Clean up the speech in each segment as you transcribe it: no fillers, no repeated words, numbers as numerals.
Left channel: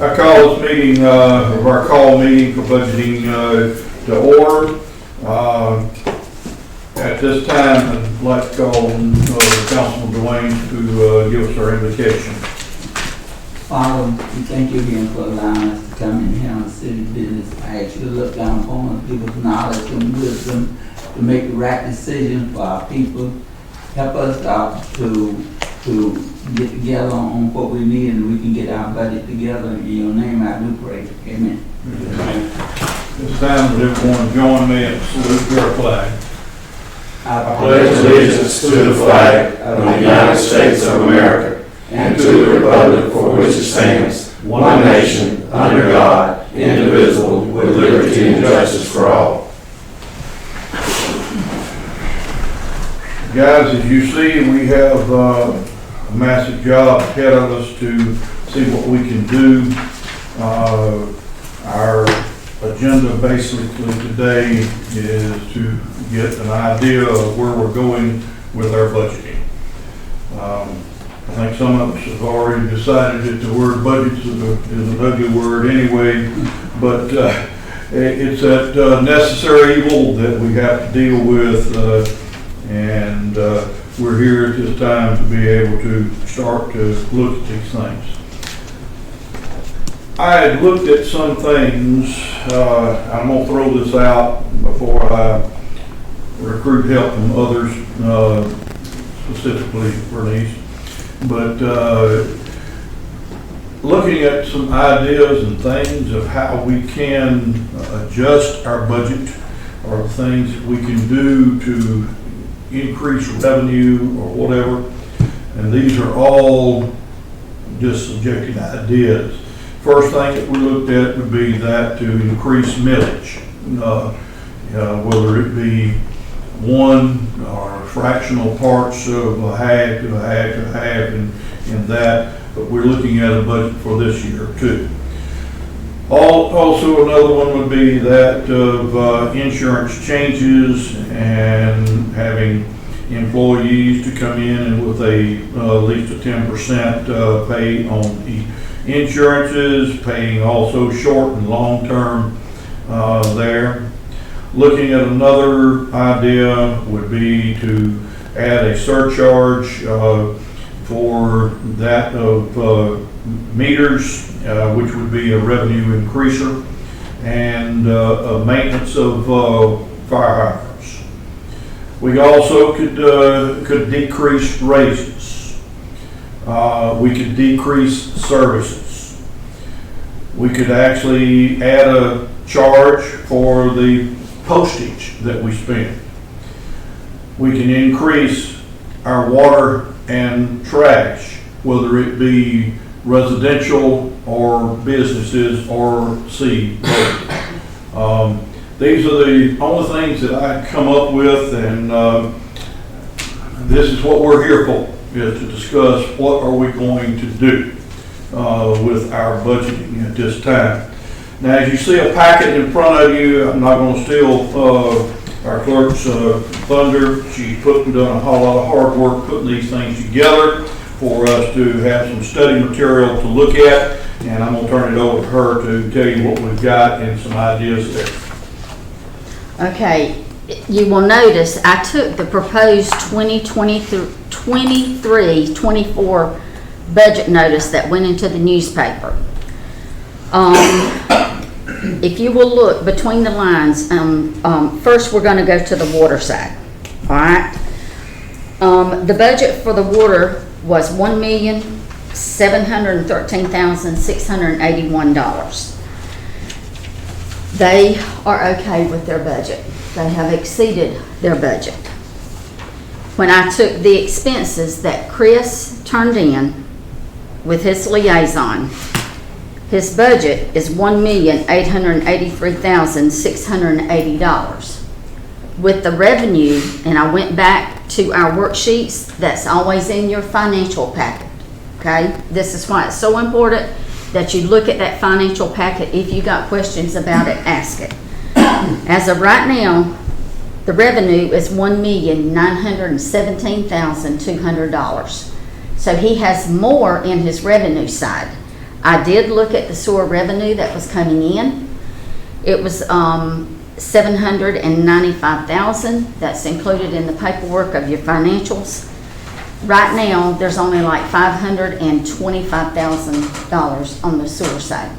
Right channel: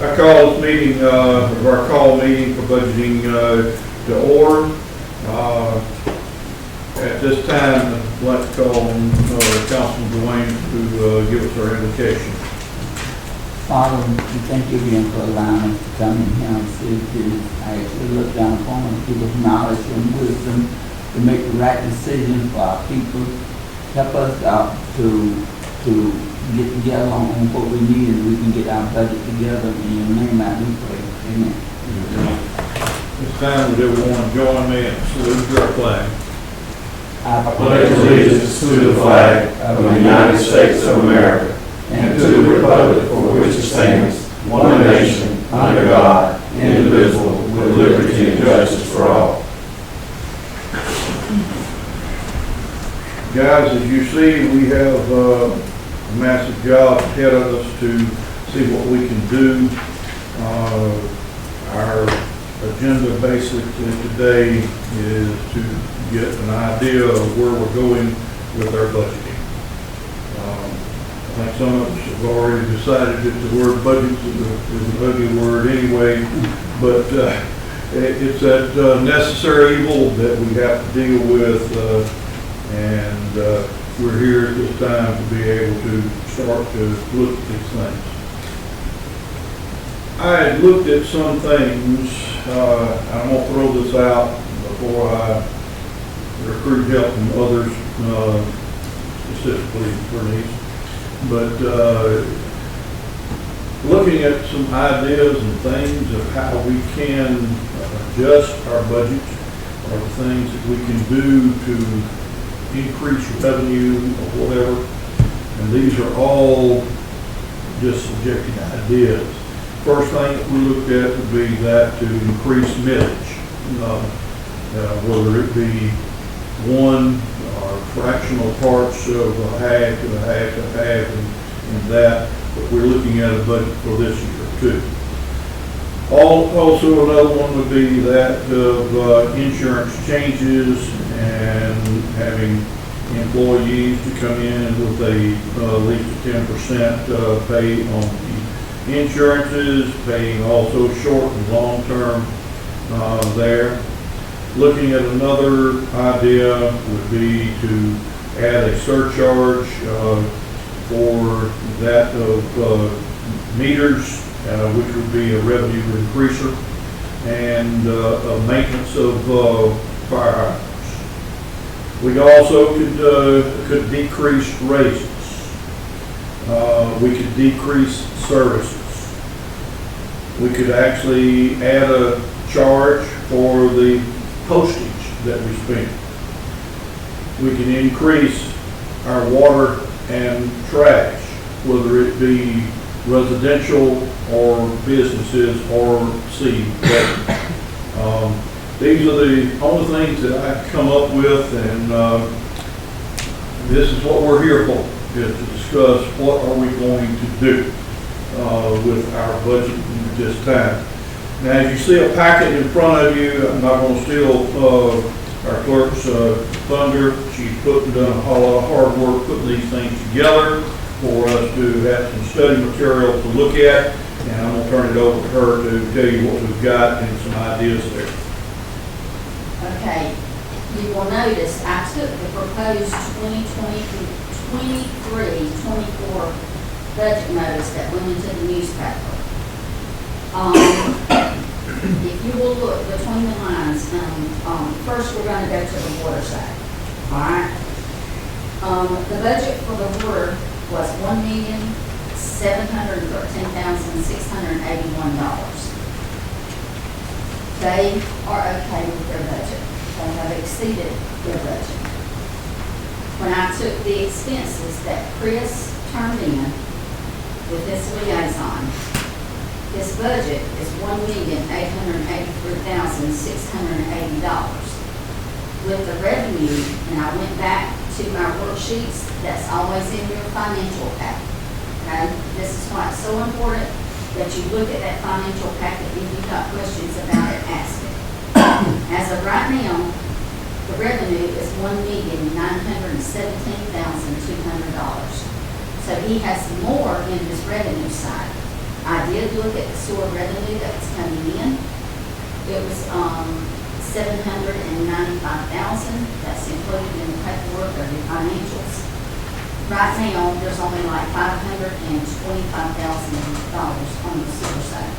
I call this meeting, our call meeting for budgeting to order. At this time, I'd like to call Councilman Dwayne to give us our invocation. Father, we thank you again for allowing us to come in here and see this. I ask you to look down upon us, give us knowledge and wisdom to make the right decisions for our people. Help us out to get together on what we need and we can get our budget together. In your name I do pray. Amen. This time, would everyone join me and salute your flag? I pledge allegiance to the flag of the United States of America and to the republic for which it stands, one nation, under God, indivisible, with liberty and justice for all. Guys, as you see, we have a massive job ahead of us to see what we can do. Our agenda basically today is to get an idea of where we're going with our budgeting. I think some of us have already decided that the word budget is an ugly word anyway, but it's that necessary evil that we have to deal with, and we're here at this time to be able to start to look at these things. I had looked at some things. I'm going to throw this out before I recruit help from others, specifically Bernice. But looking at some ideas and things of how we can adjust our budget, or the things that we can do to increase revenue or whatever. And these are all just subjective ideas. First thing that we looked at would be that to increase millage, whether it be one or fractional parts of a half and a half and a half in that, but we're looking at a budget for this year too. Also another one would be that of insurance changes and having employees to come in and with at least a 10% pay on the insurances, paying also short and long term there. Looking at another idea would be to add a surcharge for that of meters, which would be a revenue increaser, and a maintenance of fire hydrants. We also could decrease raises. We could decrease services. We could actually add a charge for the postage that we spend. We can increase our water and trash, whether it be residential or businesses or sea both. These are the only things that I come up with, and this is what we're here for, is to discuss what are we going to do with our budget at this time. Now, as you see a packet in front of you, I'm not going to steal our clerk's thunder. She's done a whole lot of hard work putting these things together for us to have some study material to look at, and I'm going to turn it over to her to tell you what we've got and some ideas there. Okay, you will notice I took the proposed 23-24 budget notice that went into the newspaper. If you will look between the lines, first we're going to go to the water side. All right. The budget for the water was $1,713,681. They are okay with their budget. They have exceeded their budget. When I took the expenses that Chris turned in with his liaison, his budget is $1,883,680. With the revenue, and I went back to our worksheets, that's always in your financial packet, okay? This is why it's so important that you look at that financial packet. If you got questions about it, ask it. As of right now, the revenue is $1,917,200. So he has more in his revenue side. I did look at the sewer revenue that was coming in. It was, 795,000. That's included in the paperwork of your financials. Right now, there's only like $525,000 on the sewer side.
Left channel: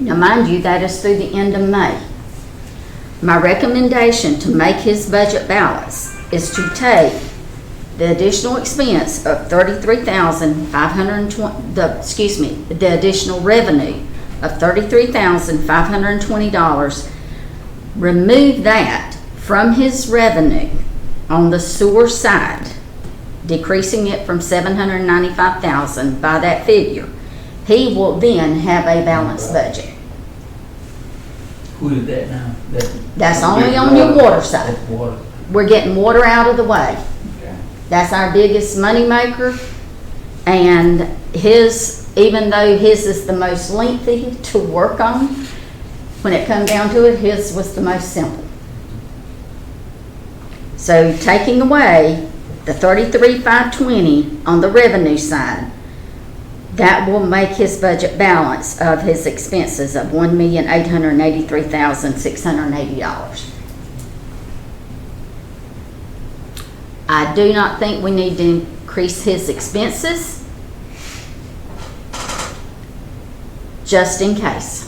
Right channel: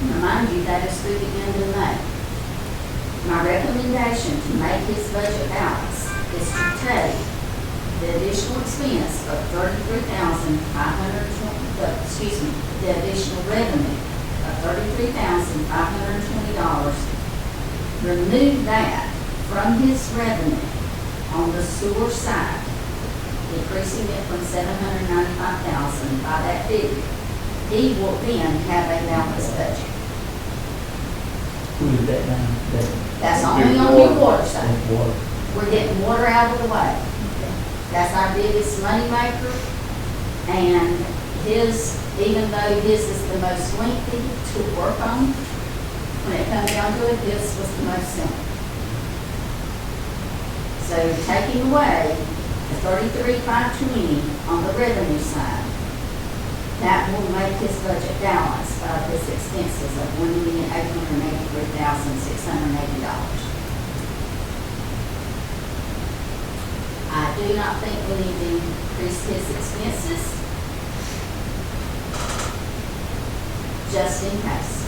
Now, mind you, that is through the end of May. My recommendation to make his budget balance is to take the additional expense of $33,520, the additional revenue of $33,520, remove that from his revenue on the sewer side, decreasing it from 795,000 by that figure. He will then have a balanced budget. Who is that now? That's only on your water side. That's water. We're getting water out of the way. That's our biggest moneymaker. And his, even though his is the most lengthy to work on, when it comes down to it, his was the most simple. So taking away the 33,520 on the revenue side, that will make his budget balance of his expenses of $1,883,680. I do not think we need to increase his expenses, just in case.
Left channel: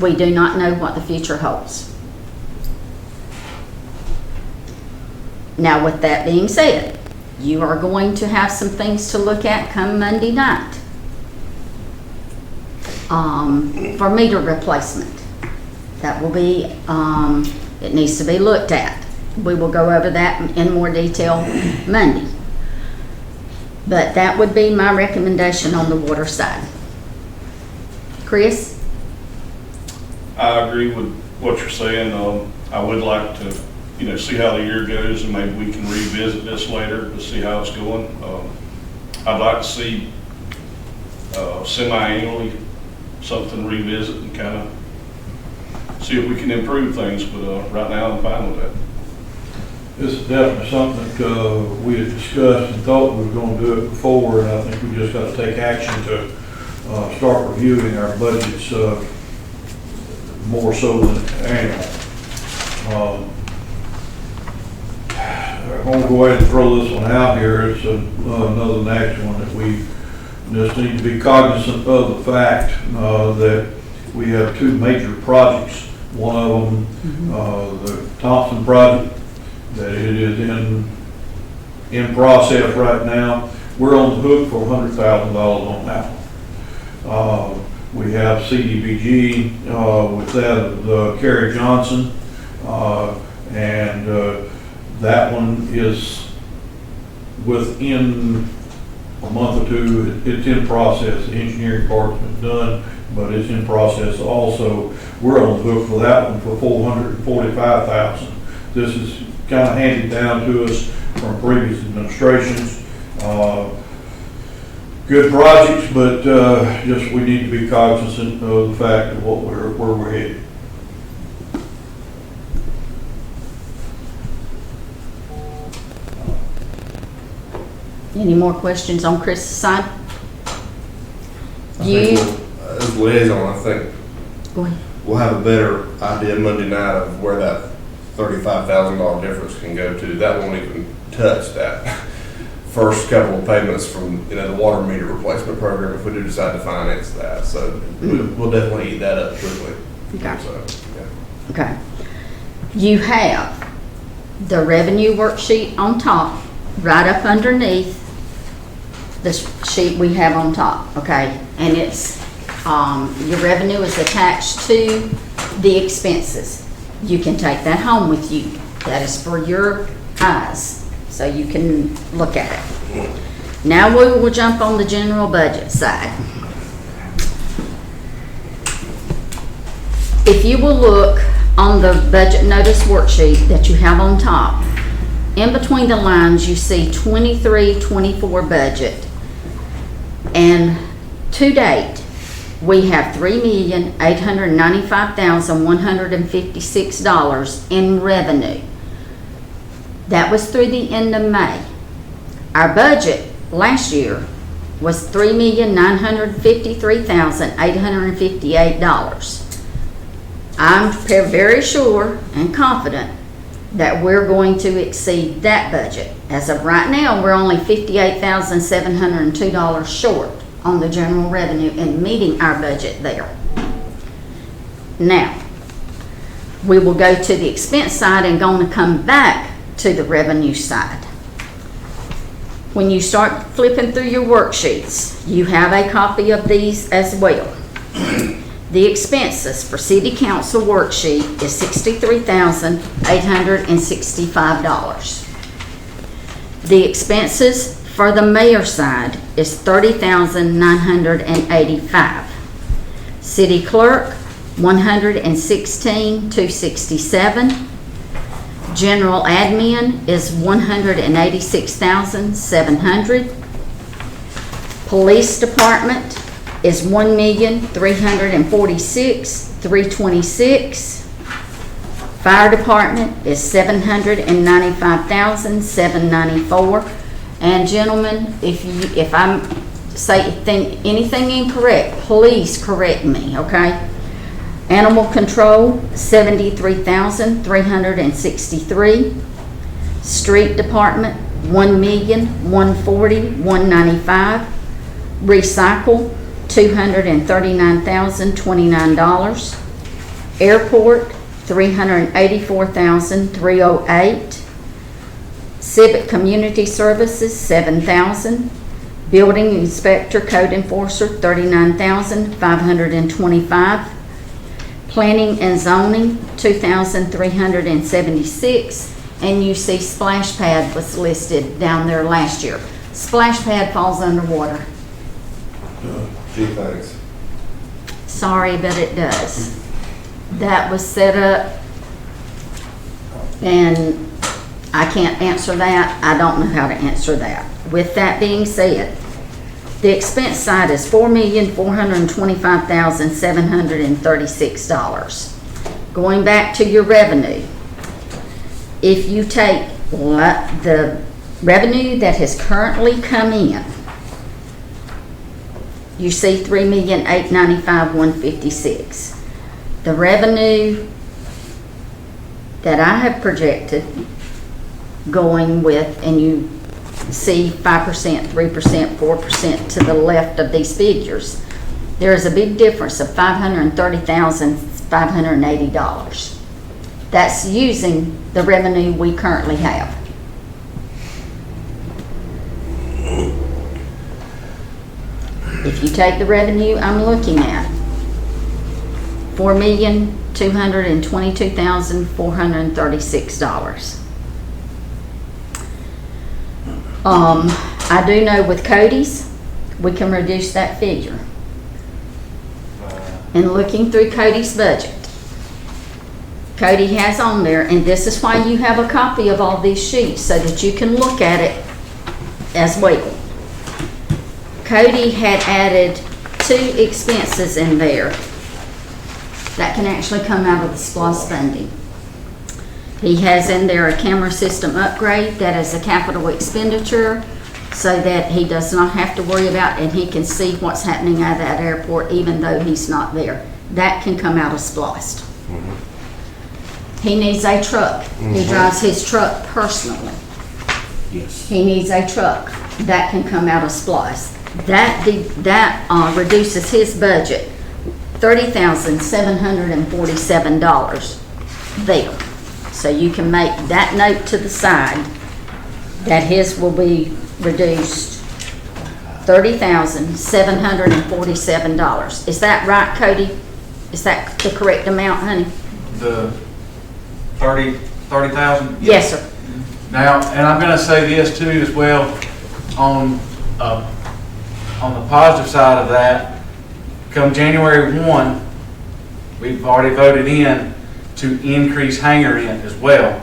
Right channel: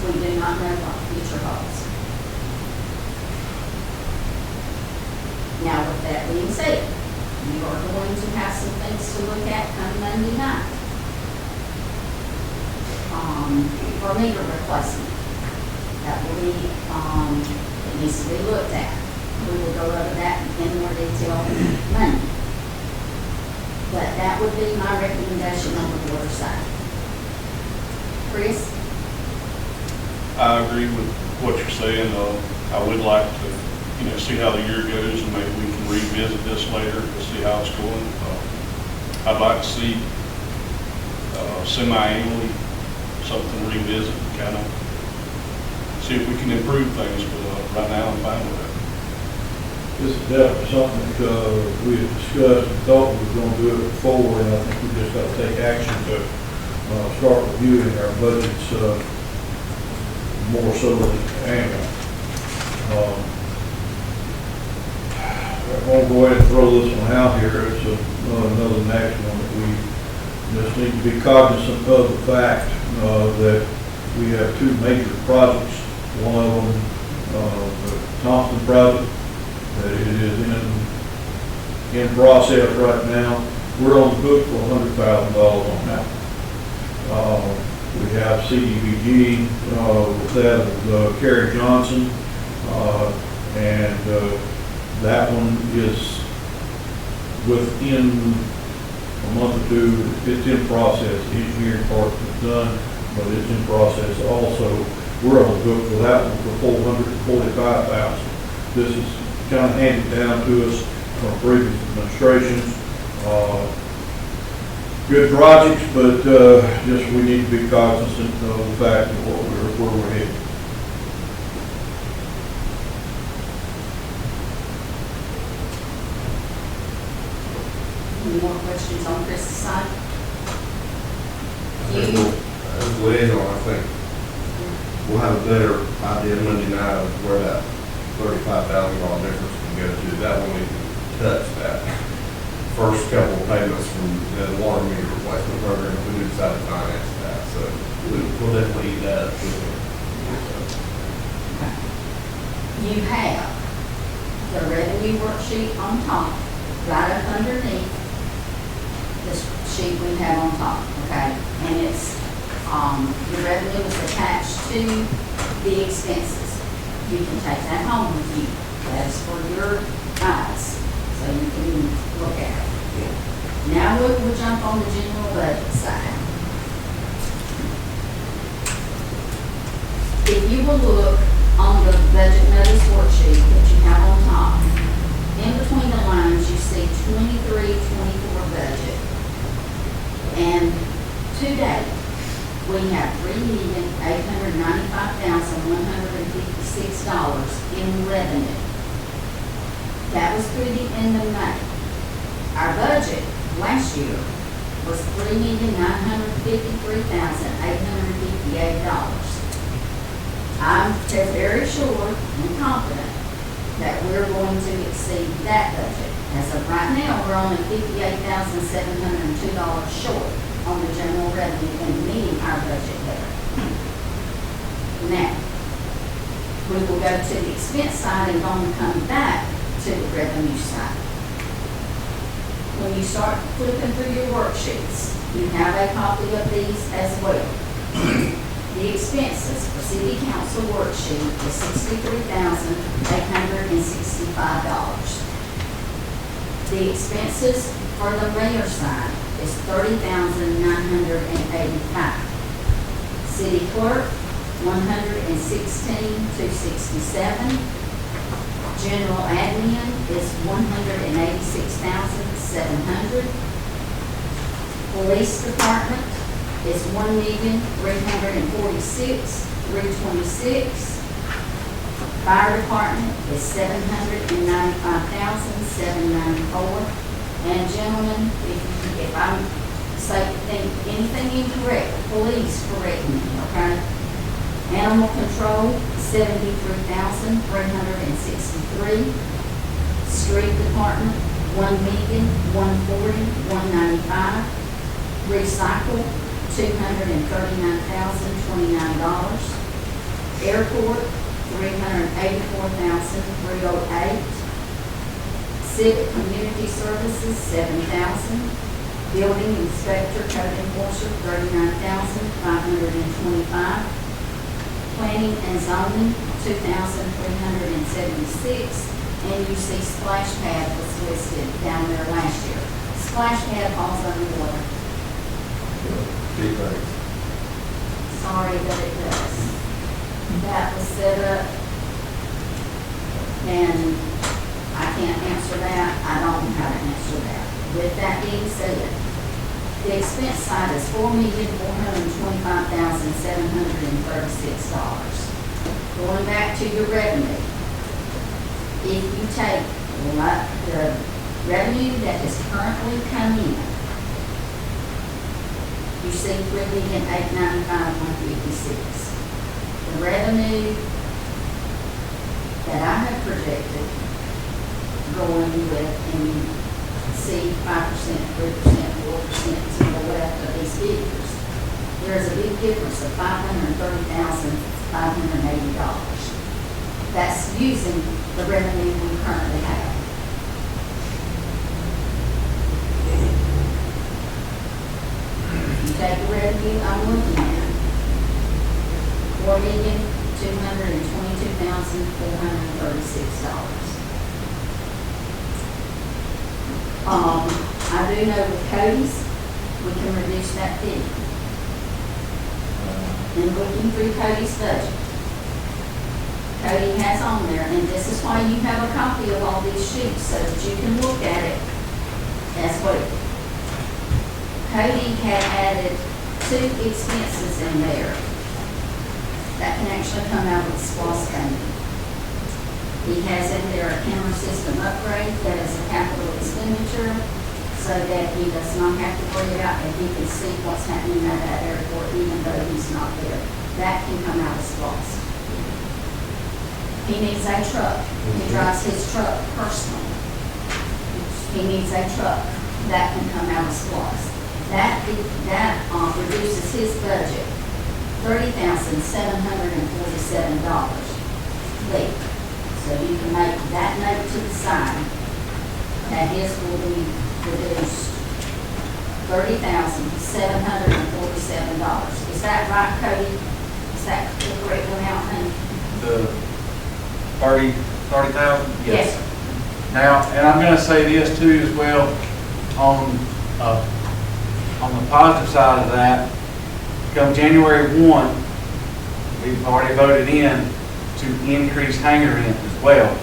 We do not know what the future holds. Now, with that being said, you are going to have some things to look at come Monday night. For meter replacement. That will be, it needs to be looked at. We will go over that in more detail Monday. But that would be my recommendation on the water side. Chris? I agree with what you're saying. I would like to, see how the year goes, and maybe we can revisit this later to see how it's going. I'd like to see semi-annually something revisit and kind of see if we can improve things. But right now, I'm fine with that. This is definitely something that we had discussed and thought we were going to do it before, and I think we just got to take action to start reviewing our budgets more so than annual. I'm going to go ahead and throw this one out here. It's another next one that we just need to be cognizant of the fact that we have two major projects. One of them, the Thompson project, that it is in process right now. We're on the hook for $100,000 on that. We have CDBG with that of Kerry Johnson, and that one is within a month or two. It's in process. The engineering part is done, but it's in process also. We're on the hook for that one for $445,000. This is kind of handed down to us from previous administrations. Good projects, but just we need to be cognizant of the fact of where we're headed. Any more questions on Chris's side? You? As liaison, I think we'll have a better idea Monday night of where that $35,000 difference can go to. That won't even touch that first couple of payments from the water meter replacement program if we do decide to finance that. So we'll definitely eat that up quickly. Okay. So, Okay. You have the revenue worksheet on top, right up underneath the sheet we have on top, okay? And it's, your revenue is attached to the expenses. You can take that home with you. That is for your eyes, so you can look at it. Now we will jump on the general budget side. If you will look on the budget notice worksheet that you have on top, in between the lines you see 23-24 budget, and to date we have $3,895,156 in revenue. That was through the end of May. Our budget last year was $3,953,858. I'm very sure and confident that we're going to exceed that budget. As of right now, we're only $58,702 short on the general revenue and meeting our budget there. Now, we will go to the expense side and going to come back to the revenue side. When you start flipping through your worksheets, you have a copy of these as well. The expenses for city council worksheet is $63,865. The expenses for the mayor side is $30,985. City clerk, $116,267. General admin is $186,700. Police department is $1,346,326. Fire department is $795,794. And gentlemen, if I think anything incorrect, please correct me, okay? Animal control, $73,363. Street department, $1,140,195. Recycle, $239,029. Airport, $384,308. Civic community services, $7,000. Building inspector, code enforcer, $39,525. Planning and zoning, $2,376. And you see splash pad was listed down there last year. Splash pad falls underwater. Thanks. Sorry, but it does. That was set up, and I can't answer that. I don't know how to answer that. With that being said, the expense side is $4,425,736. Going back to your revenue, if you take the revenue that has currently come in, you see $3,895,156. The revenue that I have projected going with, and you see 5%, 3%, 4% to the left of these figures, there is a big difference of $530,580. That's using the revenue we currently have. If you take the revenue I'm looking at, $4,222,436. I do know with Cody's, we can reduce that figure. And looking through Cody's budget, Cody has on there, and this is why you have a copy of all these sheets, so that you can look at it as well. Cody had added 2 expenses in there that can actually come out of the SPOS funding. He has in there a camera system upgrade that is a capital expenditure, so that he does not have to worry about, and he can see what's happening at that airport even though he's not there. That can come out of SPOS. He needs a truck. He drives his truck personally. He needs a truck. That can come out of SPOS. That reduces his budget $30,747 there. So you can make that note to the side that his will be reduced $30,747. Is that right, Cody? Is that the correct amount, honey? The 30,000? Yes, sir. Now, and I'm gonna say this too as well, on the positive side of that, come January 1, we've already voted in to increase hangar rent as well.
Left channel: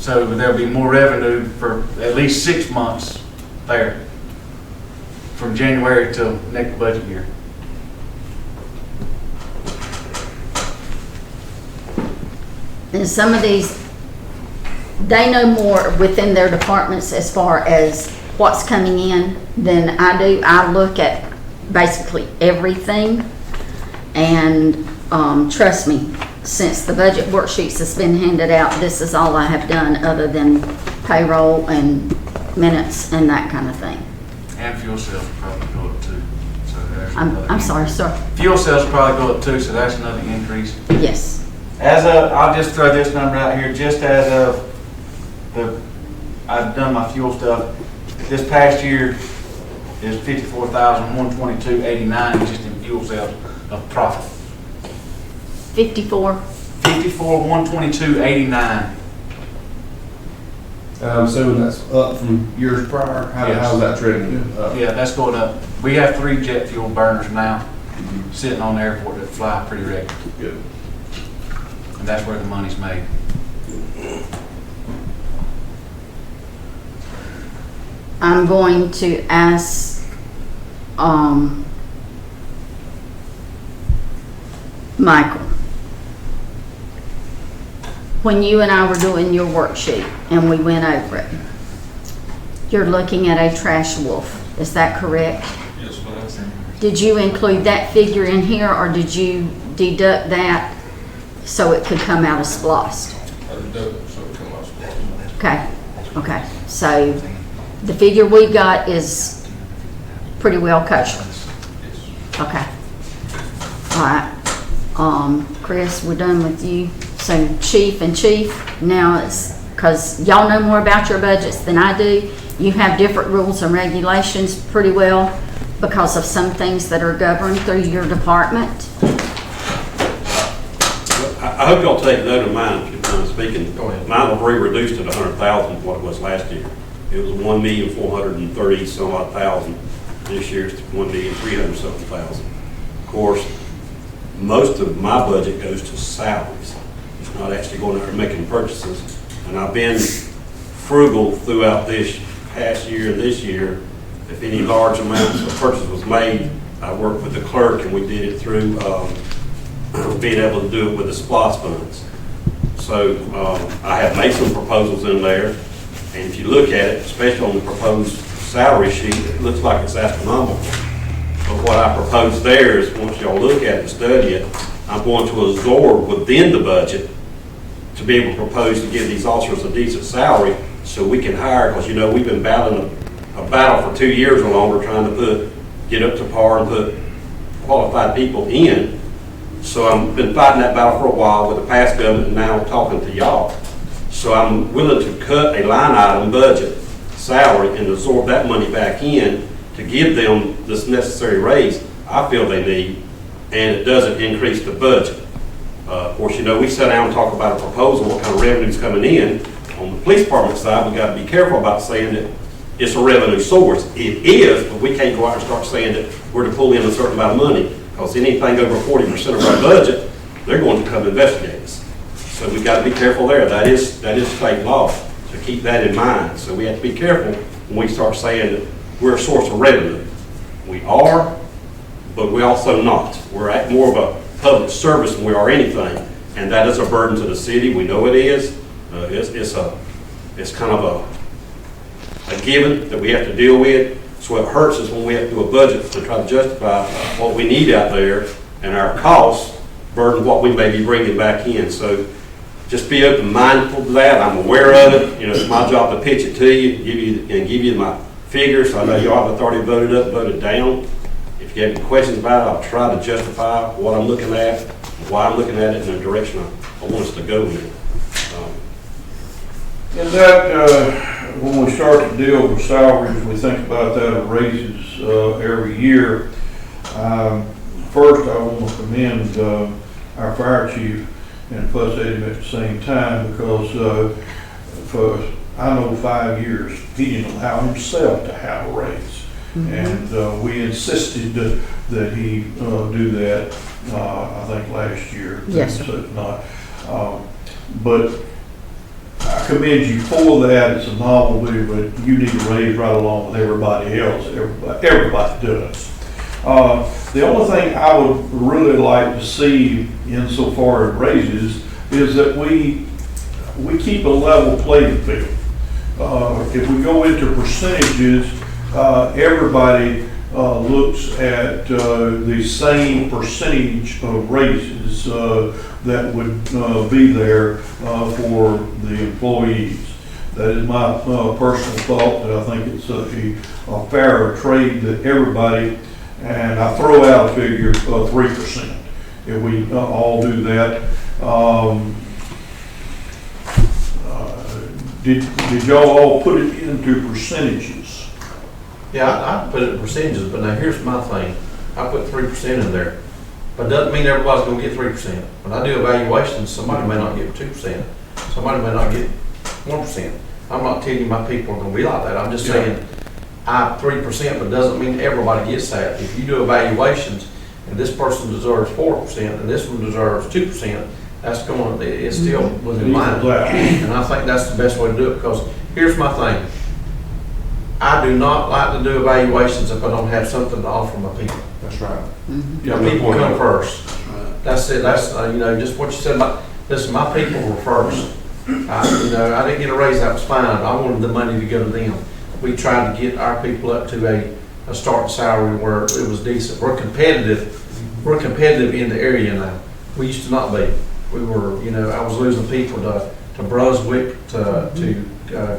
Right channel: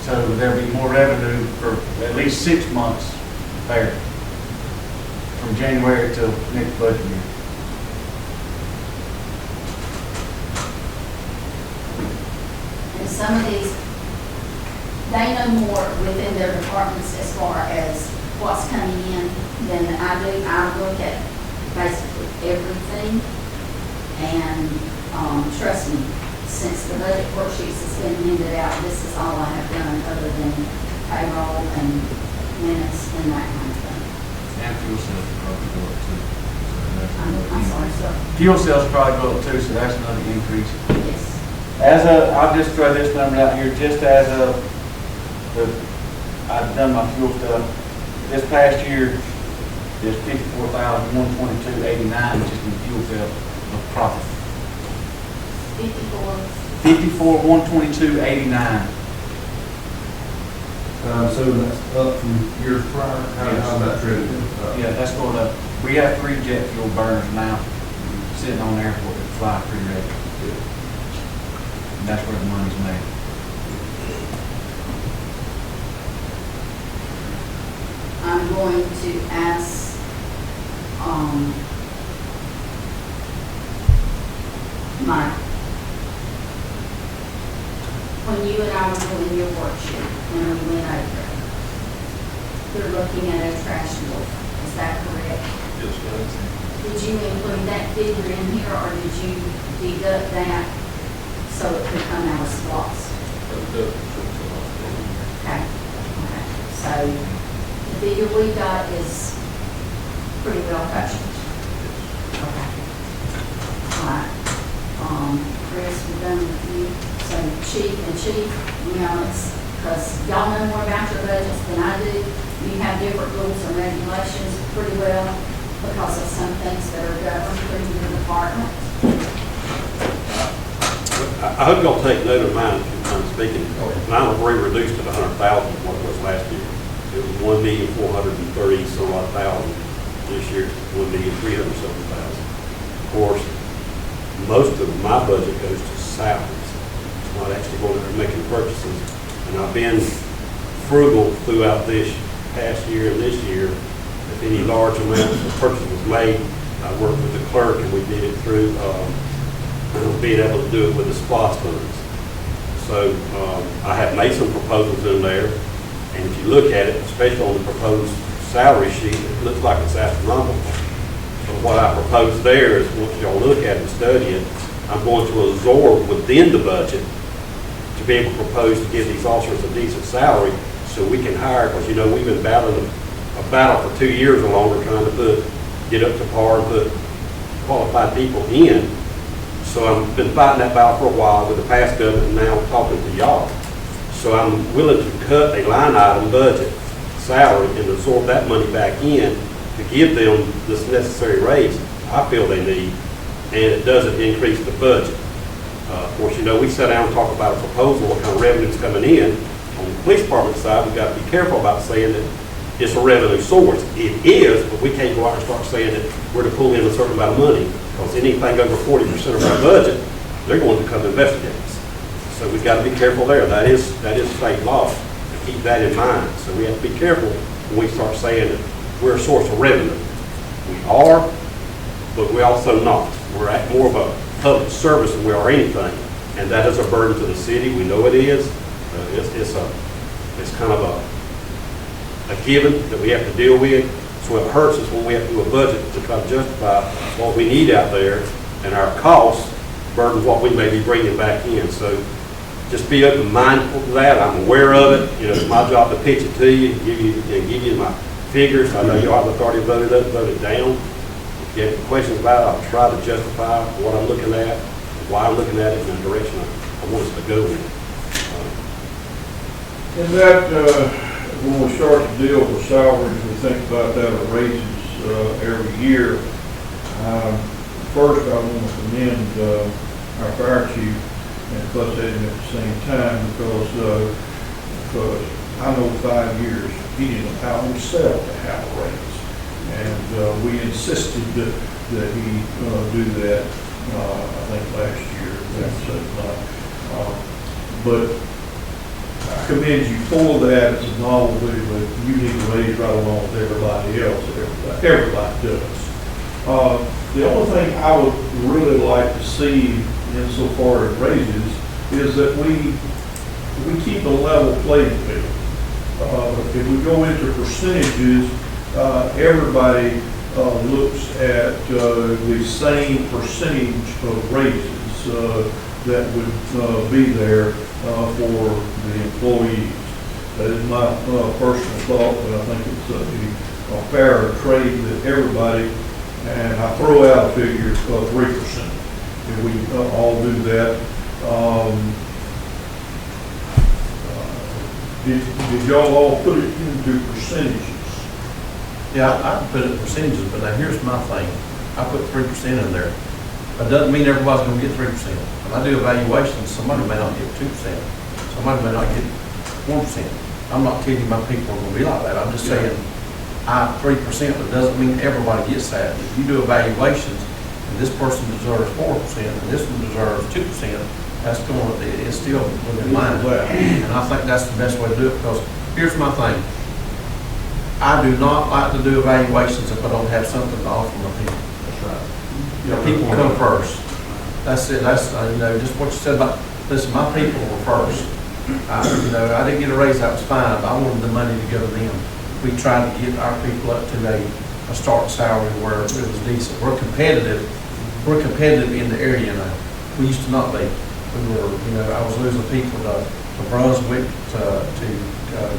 So there'll be more revenue for at least 6 months there, from January till next budget year. And some of these, they know more within their departments as far as what's coming in then I look at basically everything. And, trust me, since the budget worksheets has been handed out, this is all I have done other than payroll and minutes and that kind of thing. And fuel sales will probably go up too. So that's I'm another sorry, increase. sir. Fuel sales will probably go up too, so that's another increase. Yes. As of, I'll just throw this number out here, just as of I've done my fuel stuff. This past year is $54,122.89 just in fuel sales of profit. 54. $54,122.89. I'm assuming that's up from years prior. How's that trending? Yeah, that's going up. We have 3 jet fuel burners now sitting on the airport that fly pretty regular. Good. And that's where the money's made. I'm going to ask, Michael, when you and I were doing your worksheet and we went over it, you're looking at a trash wolf, is that correct? Yes, ma'am. Did you include that figure in here, or did you deduct that so it could come out of SPLOST? Okay, okay, so the figure we got is pretty well kosher. Okay. All right. Chris, we're done with you. So chief, now it's, because y'all know more about your budgets than I do. You have different rules and regulations pretty well because of some things that are governed through your department. I hope y'all take note of mine, if I'm speaking. Mine will be reduced to the 100,000 what it was last year. It was 1,430 some odd thousand. This year it's 1,300,000 something. Of course, most of my budget goes to salaries. It's not actually going to making purchases. And I've been frugal throughout this past year and this year. If any large amounts of purchase was made, I worked with the clerk and we did it through being able to do it with the SPLOST funds. So I have made some proposals in there, and if you look at it, especially on the proposed salary sheet, it looks like it's astronomical. But what I propose there is, once y'all look at it and study it, I'm going to absorb within the budget to be able to propose to give these officers a decent salary so we can hire, because we've been battling a battle for 2 years or longer trying to get up to par and put qualified people in. So I've been fighting that battle for a while with the past government and now talking to y'all. So I'm willing to cut a line item budget salary and absorb that money back in to give them this necessary raise I feel they need, and it doesn't increase the budget. Of course, we sit down and talk about a proposal, what kind of revenue's coming in. On the police department side, we've got to be careful about saying that it's a revenue source. It is, but we can't go out and start saying that we're to pull in a certain amount of money, because anything over 40% of our budget, they're going to come investigate us. So we've got to be careful there. That is state law, to keep that in mind. So we have to be careful when we start saying that we're a source of revenue. We are, but we also not. We're at more of a public service than we are anything, and that is a burden to the city. We know it is. It's kind of a given that we have to deal with. So what hurts is when we have to do a budget to try to justify what we need out there, and our costs burden what we may be bringing back in. So just be open mindful to that. I'm aware of it. It's my job to pitch it to you, give you my figures. I know you all have authority to vote it up, vote it down. If you have any questions about it, I'll try to justify what I'm looking at, why I'm looking at it, in the direction I want us to go in. And that, when we start to deal with salaries, we think about that at raises every year. First, I want to commend our fire chief and fuss at him at the same time, because for, I know, 5 years, he didn't allow himself to have a raise. Mm-hmm. And we insisted that he do that, I think last year. Yes. But I commend you for that. It's a novelty, but you need to raise right along with everybody else. Everybody does. The only thing I would really like to see insofar as raises is that we keep a level playing field. If we go into percentages, everybody looks at the same percentage of raises that would be there for the employees. That is my personal thought, that I think it's a fairer trade that everybody, and I throw out a figure of 3%. If we all do that, did y'all all put it into percentages? Yeah, I put it in percentages, but now here's my thing. I put 3% in there. But doesn't mean everybody's gonna get 3%. When I do evaluations, somebody may not get 2%. Somebody may not get 1%. I'm not telling you my people are gonna be like that. I'm just saying, I 3%, but doesn't mean everybody gets that. If you do evaluations, and this person deserves 4%, and this one deserves 2%, that's going, it's still within line. And I think that's the best way to do it, because here's my thing. I do not like to do evaluations if I don't have something to offer my people. That's right. You know, people come first. That's it, that's, you know, just what you said about, listen, my people were first. You know, I didn't get a raise, that was fine, I wanted the money to go to them. We tried to get our people up to a starting salary where it was decent. We're competitive in the area now. We used to not be. We were, you know, I was losing people to Brunswick, to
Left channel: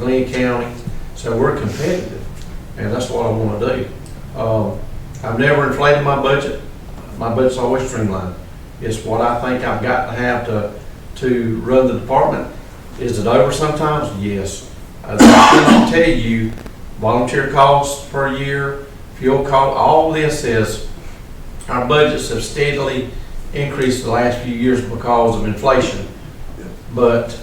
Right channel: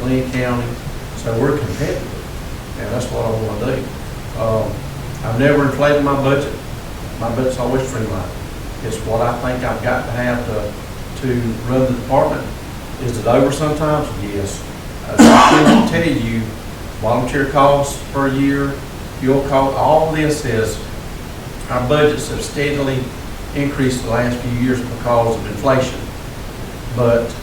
Glenn County. So we're competitive, and that's what I want to do. I've never inflated my budget. My budget's always streamlined. It's what I think I've got to have to run the department. Is it over sometimes? Yes. I can't tell you volunteer costs per year, fuel cost, all this is, our budgets have steadily increased the last few years because of inflation. But,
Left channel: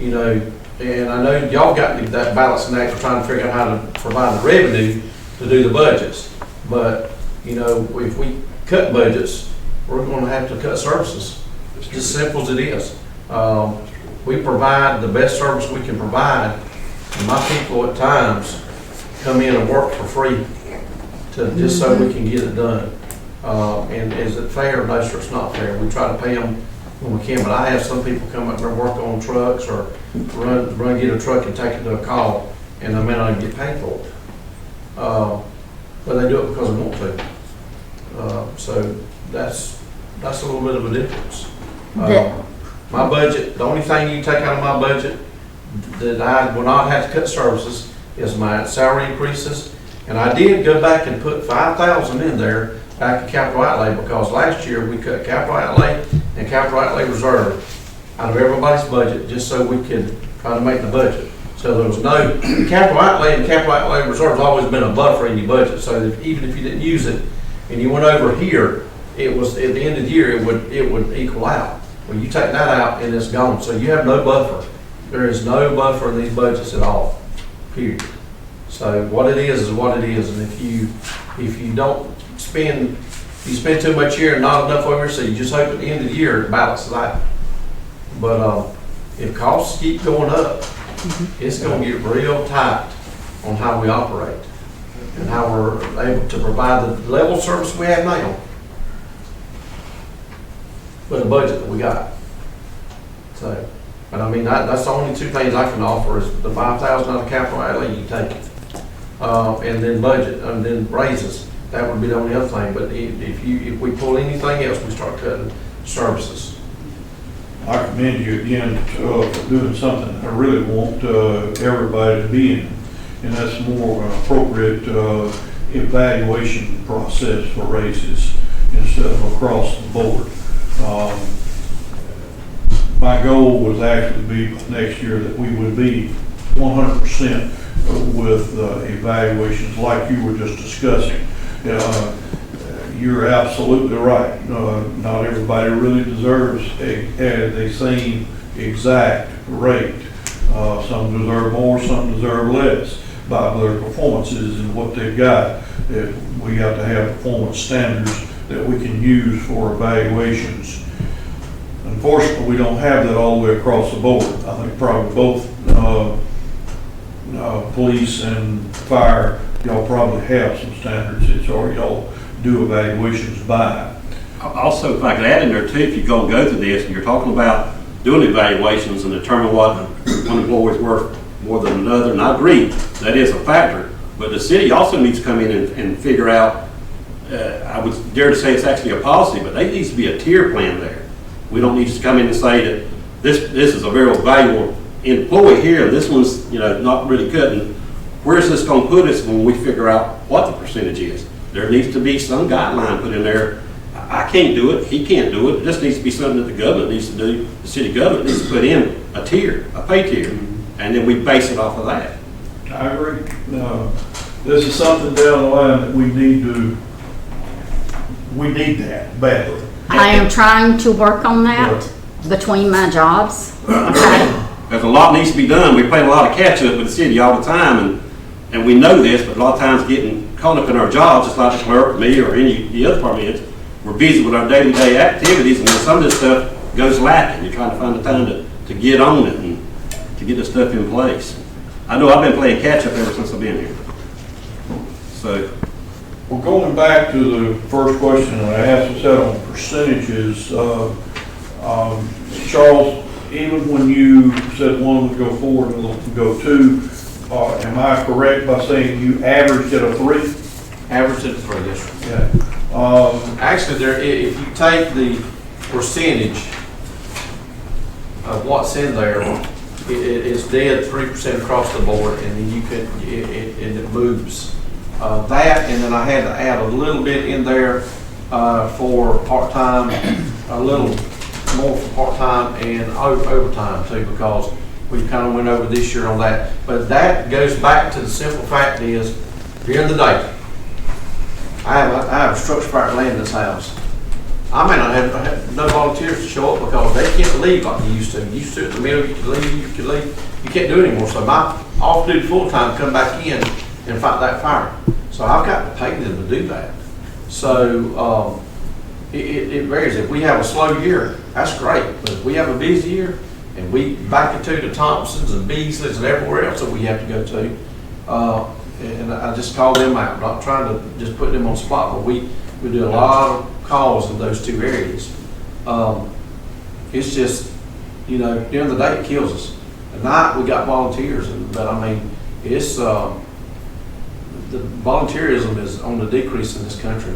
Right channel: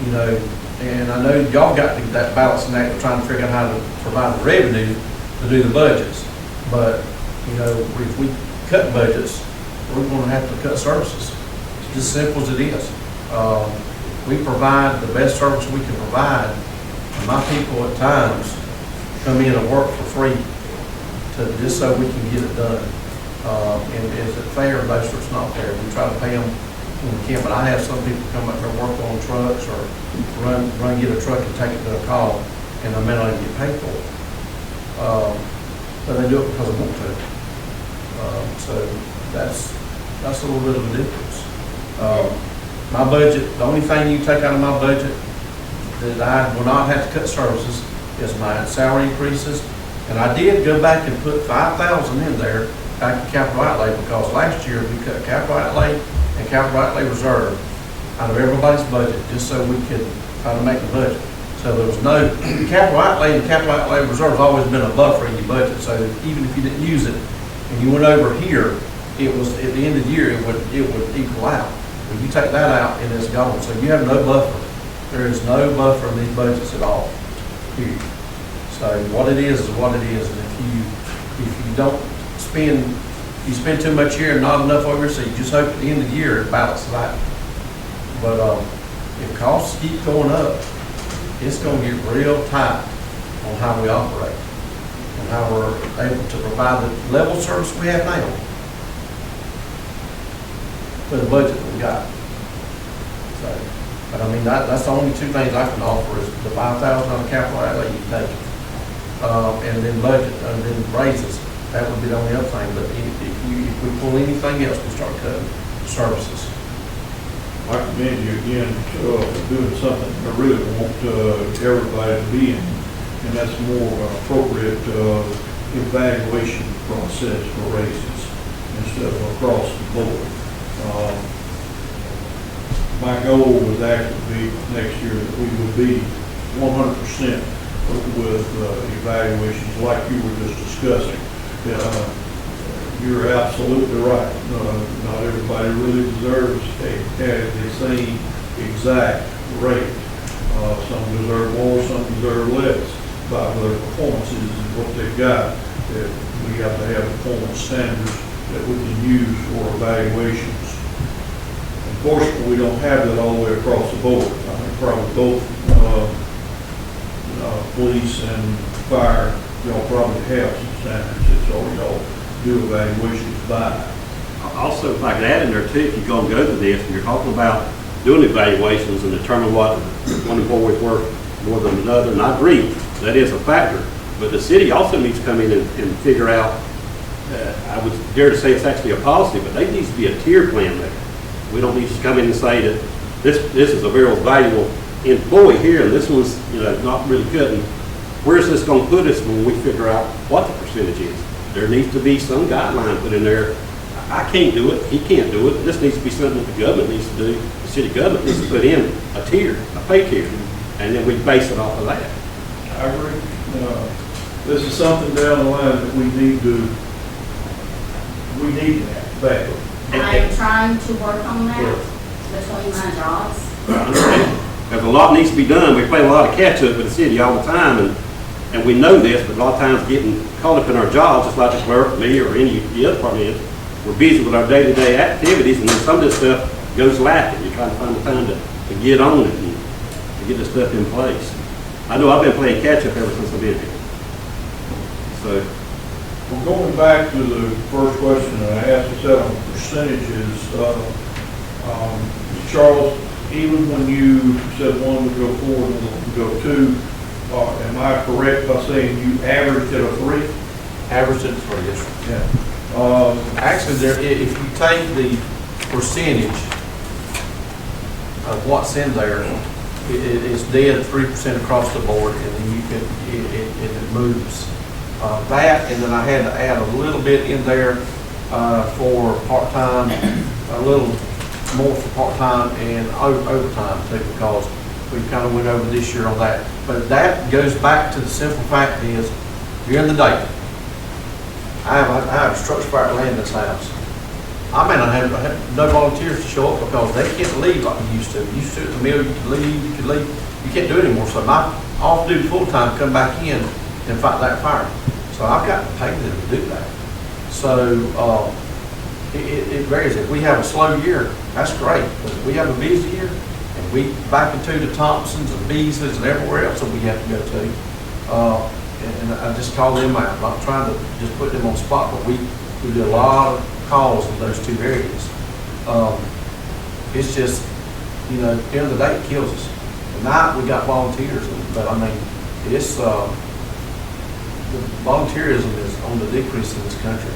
you know, and I know y'all got that balancing act of trying to figure out how to provide the revenue to do the budgets. But, you know, if we cut budgets, we're going to have to cut services. It's just as simple as it is. We provide the best service we can provide, and my people at times come in and work for free just so we can get it done. And is it fair? No, sir, it's not fair. We try to pay them when we can, but I have some people come up here and work on trucks or run get a truck and take it to a call, and they may not even get paid for it. But they do it because they want to. So that's a little bit of a difference. My budget, the only thing you can take out of my budget that I will not have to cut services is my salary increases. And I did go back and put $5,000 in there back to capital outlay, because last year we cut capital outlay and capital outlay reserve out of everybody's budget just so we could try to make the budget. So there was no capital outlay, and capital outlay reserve has always been a buffer in your budget, so that even if you didn't use it and you went over here, it was at the end of the year it would equal out. Well, you take that out and it's gone. So you have no buffer. There is no buffer in these budgets at all. Period. So what it is what it is. And if you don't spend, you spend too much here and not enough over, so you just hope at the end of the year it balances out. But if costs keep going up, it's going to get real tight on how we operate and how we're able to provide the level of service we have now for the budget that we got. So, but I mean, that's the only two things I can offer is the $5,000 out of capital outlay you take, and then budget, and then raises. That would be the only other thing. But if we pull anything else, we start cutting services. I commend you again for doing something I really want everybody to be in, and that's more appropriate evaluation process for raises instead of across the board. My goal was actually to be next year that we would be 100% with evaluations like you were just discussing. You're absolutely right. Not everybody really deserves the same exact rate. Some deserve more, some deserve less by their performances and what they've got. We have to have performance standards that we can use for evaluations. Unfortunately, we don't have that all the way across the board. I think probably both police and fire, y'all probably have some standards that y'all do evaluations by. Also, if I could add in there too, if you're going to go through this and you're talking about doing evaluations and determine what one employee is worth more than another, and I agree, that is a factor. But the city also needs to come in and figure out, I would dare to say it's actually a policy, but there needs to be a tier plan there. We don't need to come in and say that this is a very valuable employee here, and this one's, not really cutting. Where's this gonna put us when we figure out what the percentage is? There needs to be some guideline put in there. I can't do it, he can't do it. This needs to be something that the government needs to do. The city government needs to put in a tier, a pay tier, and then we base it off of that. I agree. This is something down the line that we need that badly. I am trying to work on that between my jobs. Because a lot needs to be done. We play a lot of catch up with the city all the time, and we know this, but a lot of times getting caught up in our jobs, just like the clerk, me, or any of the other departments, we're busy with our day-to-day activities, and then some of this stuff goes lacking. You're trying to find the time to get on it and to get this stuff in place. I know I've been playing catch up ever since I've been here. So, Well, going back to the first question that I asked, I said on percentages, Charles, even when you said one would go 4 and one would go 2, am I correct by saying you averaged at a 3? Average it for this. Yeah. Actually, if you take the percentage of what's in there, it's dead 3% across the board, and then you could, it moves. That, and then I had to add a little bit in there for part-time, a little more for part-time and overtime too, because we kind of went over this year on that. But that goes back to the simple fact is, during the day, I have a structure fire at land in this house. I may not have no volunteers to show up because they can't leave like you used to. You used to at the mill, you could leave. You can't do it anymore. So my off-duty full-time come back in and fight that fire. So I've got to pay them to do that. So it varies. If we have a slow year, that's great. But if we have a busy year and we back it to the Thompsons and Beasleys and everywhere else that we have to go to, and I just call them out. I'm not trying to just put them on the spot, but we do a lot of calls in those two areas. It's just, at the end of the day, it kills us. At night, we got volunteers, but I mean, it's, the volunteerism is on the decrease in this country.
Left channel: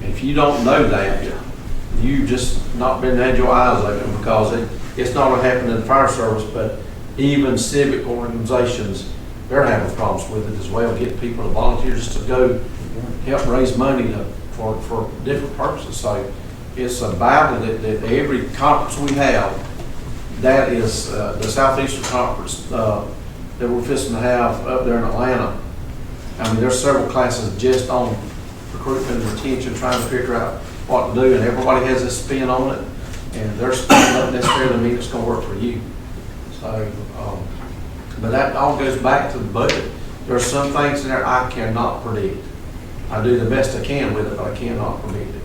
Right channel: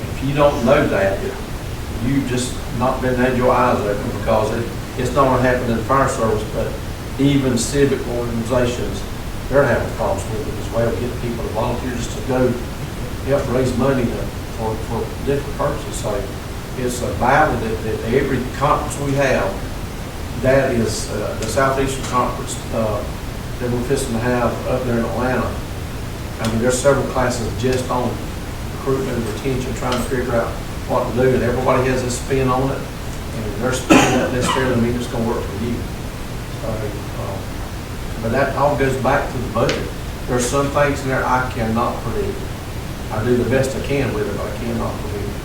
And if you don't know that, you've just not been had your eyes open, because it's not going to happen in the fire service, but even civic organizations, they're having problems with it as well, getting people to volunteer just to go help raise money for different purposes. So it's a battle that every conference we have, that is the Southeastern Conference that we're fixing to have up there in Atlanta. I mean, there's several classes just on recruitment and retention, trying to figure out what to do, and everybody has a spin on it, and their spin doesn't necessarily mean it's going to work for you. So, but that all goes back to the budget. There's some things in there I cannot predict. I do the best I can with it, but I cannot predict it.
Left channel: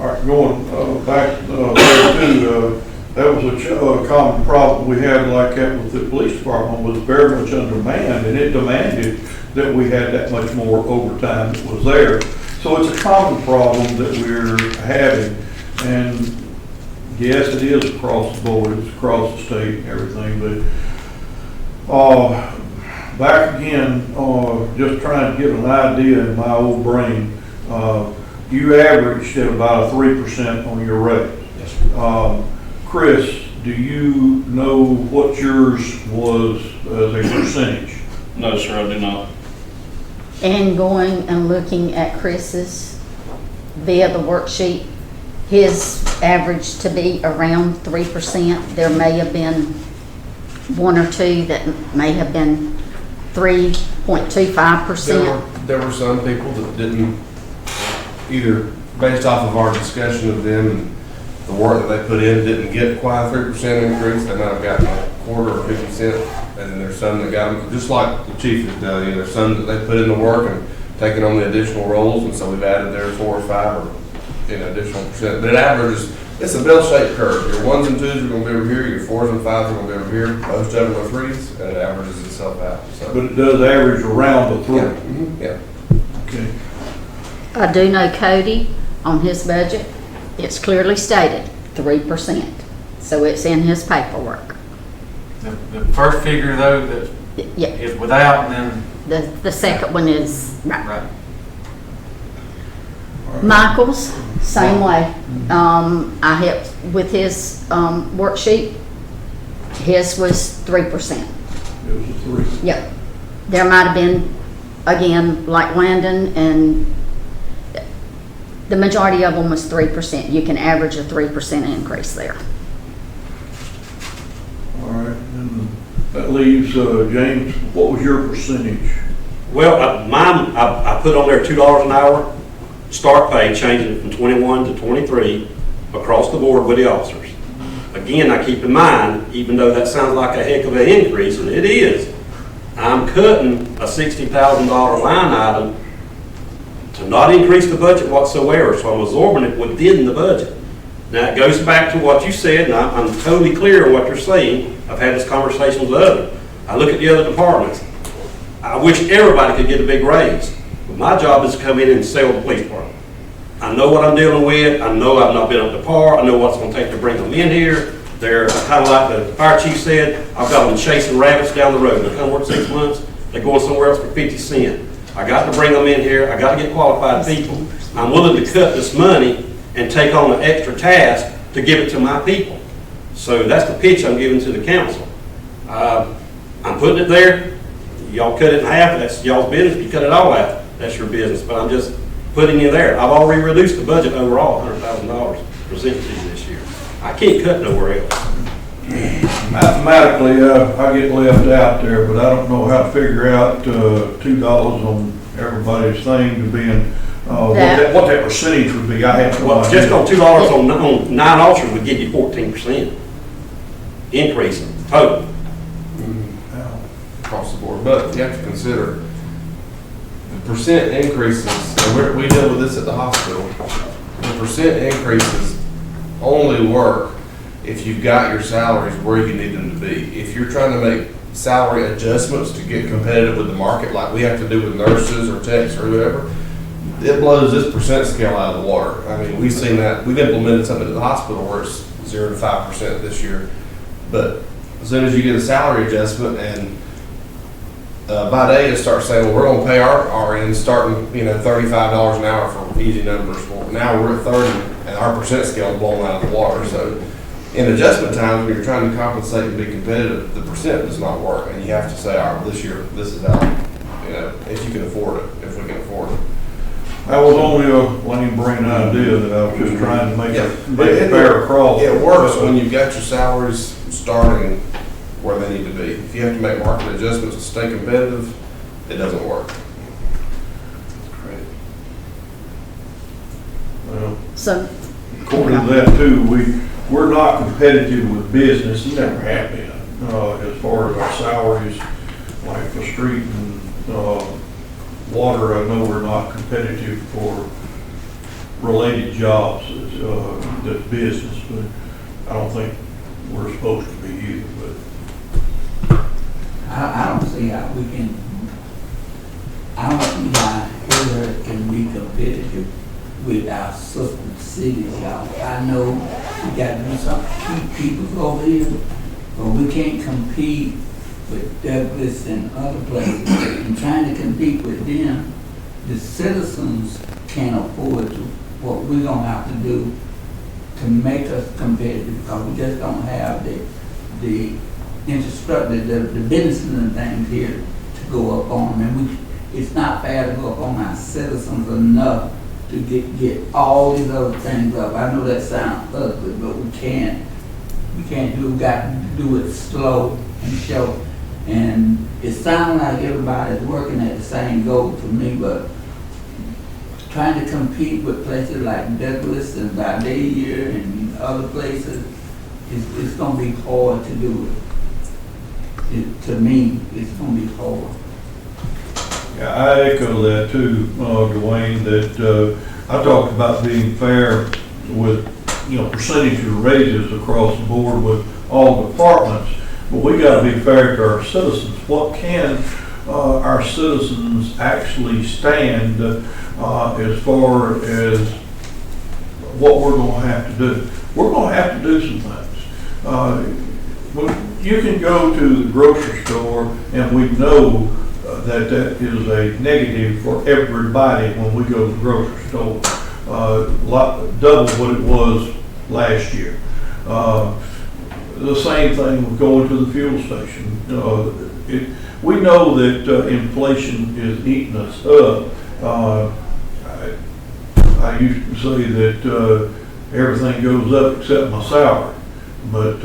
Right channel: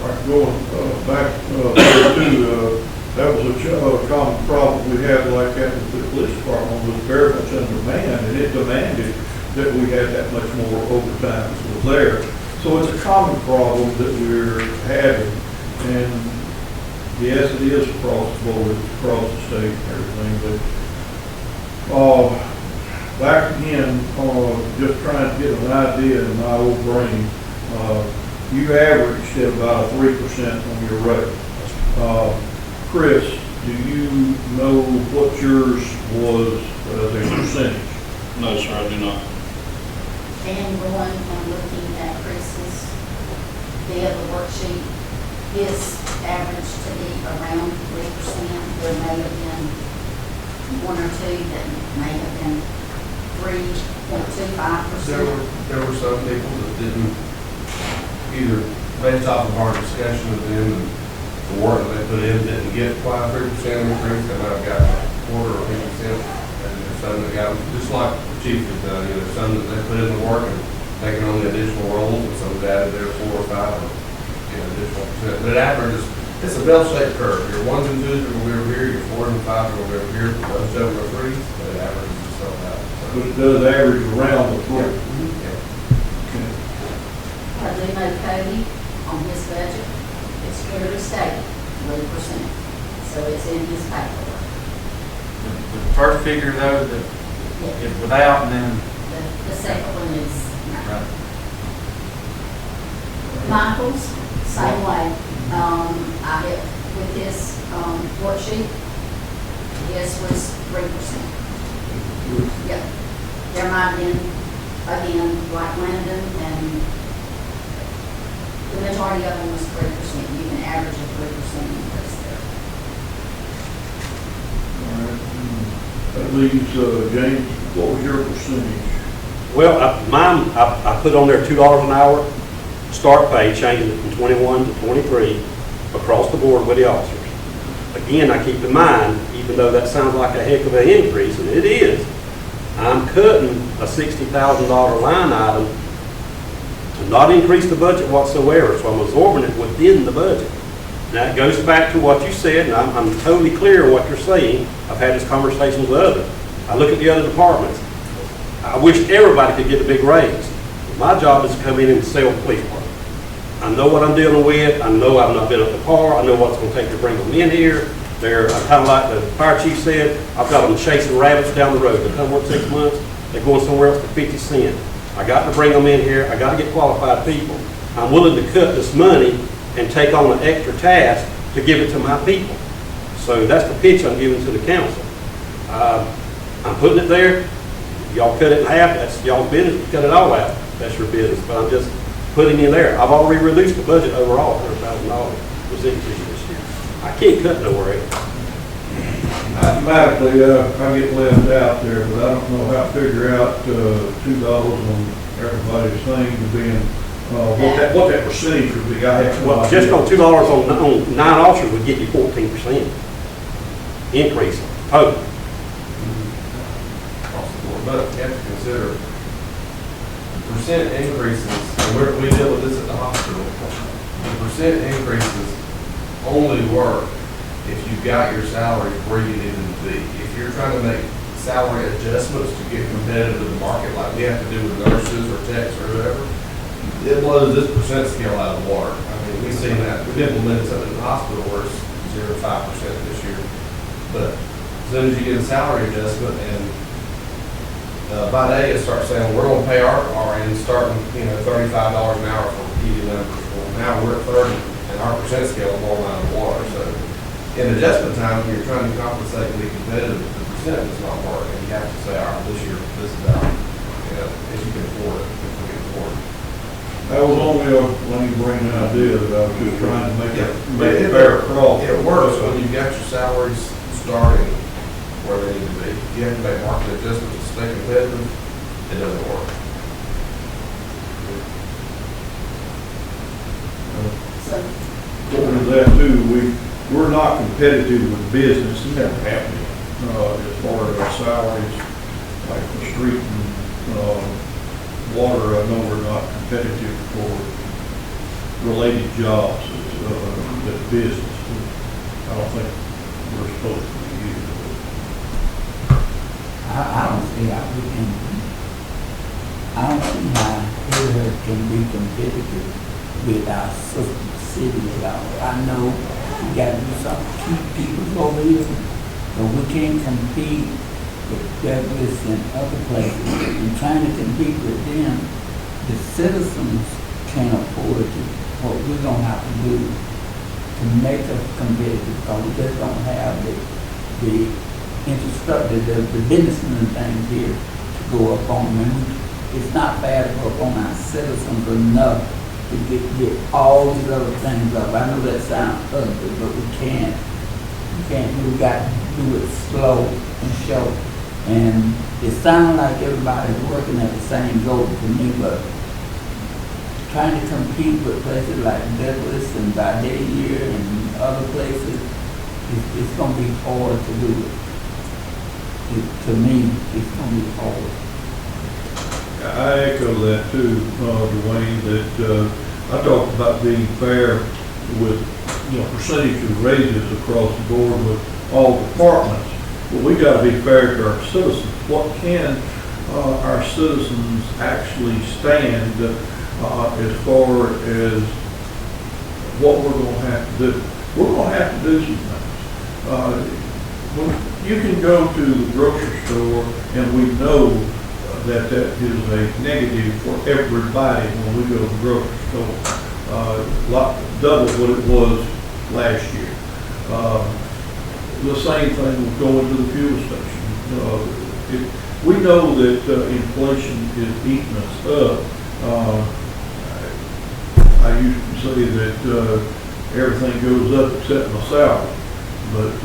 All right, going back there too, that was a common problem we had like that with the police department, was very much undermanned, and it demanded that we had that much more overtime that was there. So it's a common problem that we're having, and yes, it is across the board, it's across the state and everything, but back again, just trying to get an idea in my old brain, you averaged at about a 3% on your rate. Chris, do you know what yours was as a percentage? No, sir, I do not. And going and looking at Chris's via the worksheet, his average to be around 3%. There may have been one or two that may have been 3.25%. There were some people that didn't, either based off of our discussion with them, and the work that they put in didn't get quite a 3% increase. They might have gotten a quarter or 50 cents. And there's some that got them, just like the chief is telling you, there's some that they put in the work and taken on the additional roles, and so we've added their 4 or 5 or additional percent. But it averages, it's a bell-shaped curve. Your 1s and 2s are going to be over here, your 4s and 5s are going to be over here, most of them are 3s, but it averages itself out. So. But it does average around the 3. Yeah. Okay. I do know Cody, on his budget, it's clearly stated 3%. So it's in his paperwork. The first figure though, that Yeah. is without, and then The second one is, right. Michael's, same way. I helped with his, worksheet. His was 3%. There's a three. Yep. There might have been, again, like Landon, and the majority of them was 3%. You can average a 3% increase there. All right, and that leaves, James, what was your percentage? Well, I put on there $2 an hour, start pay, changing it from 21 to 23 across the board with the officers. Again, I keep in mind, even though that sounds like a heck of an increase, and it is, I'm cutting a $60,000 line item to not increase the budget whatsoever, so I'm absorbing it within the budget. Now, it goes back to what you said, and I'm totally clear on what you're saying. I've had this conversation with others. I look at the other departments. I wish everybody could get a big raise. But my job is to come in and sell the police department. I know what I'm dealing with. I know I've not been up to par. I know what's going to take to bring them in here. They're kind of like the fire chief said, I've got them chasing rabbits down the road. They come work 6 months, they're going somewhere else for 50 cents. I got to bring them in here. I got to get qualified people. I'm willing to cut this money and take on an extra task to give it to my people. So that's the pitch I'm giving to the council. I'm putting it there. Y'all cut it in half, that's y'all's business. You cut it all out, that's your business. But I'm just putting you there. I've already reduced the budget overall, $100,000 presented to you this year. I can't cut nowhere else. Mathematically, I get left out there, but I don't know how to figure out, $2 on everybody's thing to being, what that percentage would be. I have no Well, idea. just on $2 on 9 officers would give you 14% increase total. Across the board, but you have to consider the percent increases, and we deal with this at the hospital. The percent increases only work if you've got your salaries where you need them to be. If you're trying to make salary adjustments to get competitive with the market, like we have to do with nurses or techs or whoever, it blows this percent scale out of the water. I mean, we've seen that. We've implemented something at the hospital where it's 0 to 5% this year. But as soon as you get a salary adjustment and by day it starts saying, well, we're going to pay our RNs starting, $35 an hour for easy numbers. Well, now we're at 30 and our percent scale is blown out of the water. So in adjustment times, when you're trying to compensate and be competitive, the percent does not work. And you have to say, all right, well, this year, this is out, if you can afford it, if we can afford it. That was only a lame brain idea that I was just trying to make a fair across. It works when you've got your salaries starting where they need to be. If you have to make market adjustments to stay competitive, it doesn't work. Well, So, according to that too, we're not competitive with business, and never have been, as far as our salaries, like the street and, water. I know we're not competitive for related jobs, that's business, but I don't think we're supposed to be either, but. I don't see how we can, I don't see how here can be competitive with our sister cities, y'all. I know we got to do something to keep people over here, but we can't compete with Douglas and other places. And trying to compete with them, the citizens can't afford to. What we're gonna have to do to make us competitive, because we just don't have the infrastructure, the business and things here to go up on. And it's not fair to go up on our citizens enough to get all these other things up. I know that sounds ugly, but we can't. We got to do it slow and show. And it sounds like everybody's working at the same goal to me, but trying to compete with places like Douglas and Vidalia and other places, it's going to be hard to do it. To me, it's going to be hard. I echo that too, Dwayne, that I talked about being fair with, percentage of raises across the board with all departments. But we got to be fair to our citizens. What can our citizens actually stand as far as what we're going to have to do? We're going to have to do some things. You can go to the grocery store, and we know that is a negative for everybody when we go to the grocery store. Double what it was last year. The same thing with going to the fuel station. We know that inflation is eating us up. I used to say that everything goes up except my salary, but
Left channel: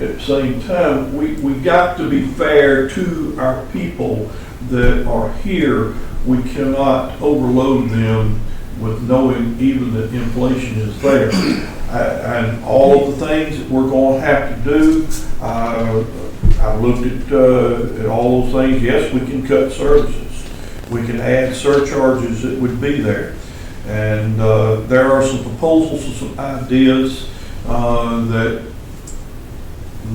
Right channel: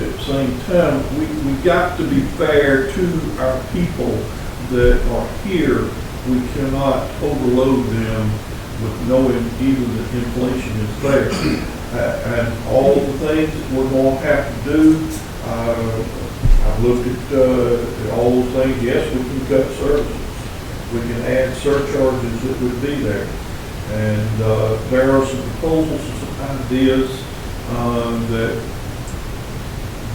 at the same time, we got to be fair to our people that are here. We cannot overload them with knowing even that inflation is there. And all of the things that we're going to have to do, I've looked at all those things. Yes, we can cut services. We can add surcharges that would be there. And there are some proposals and some ideas that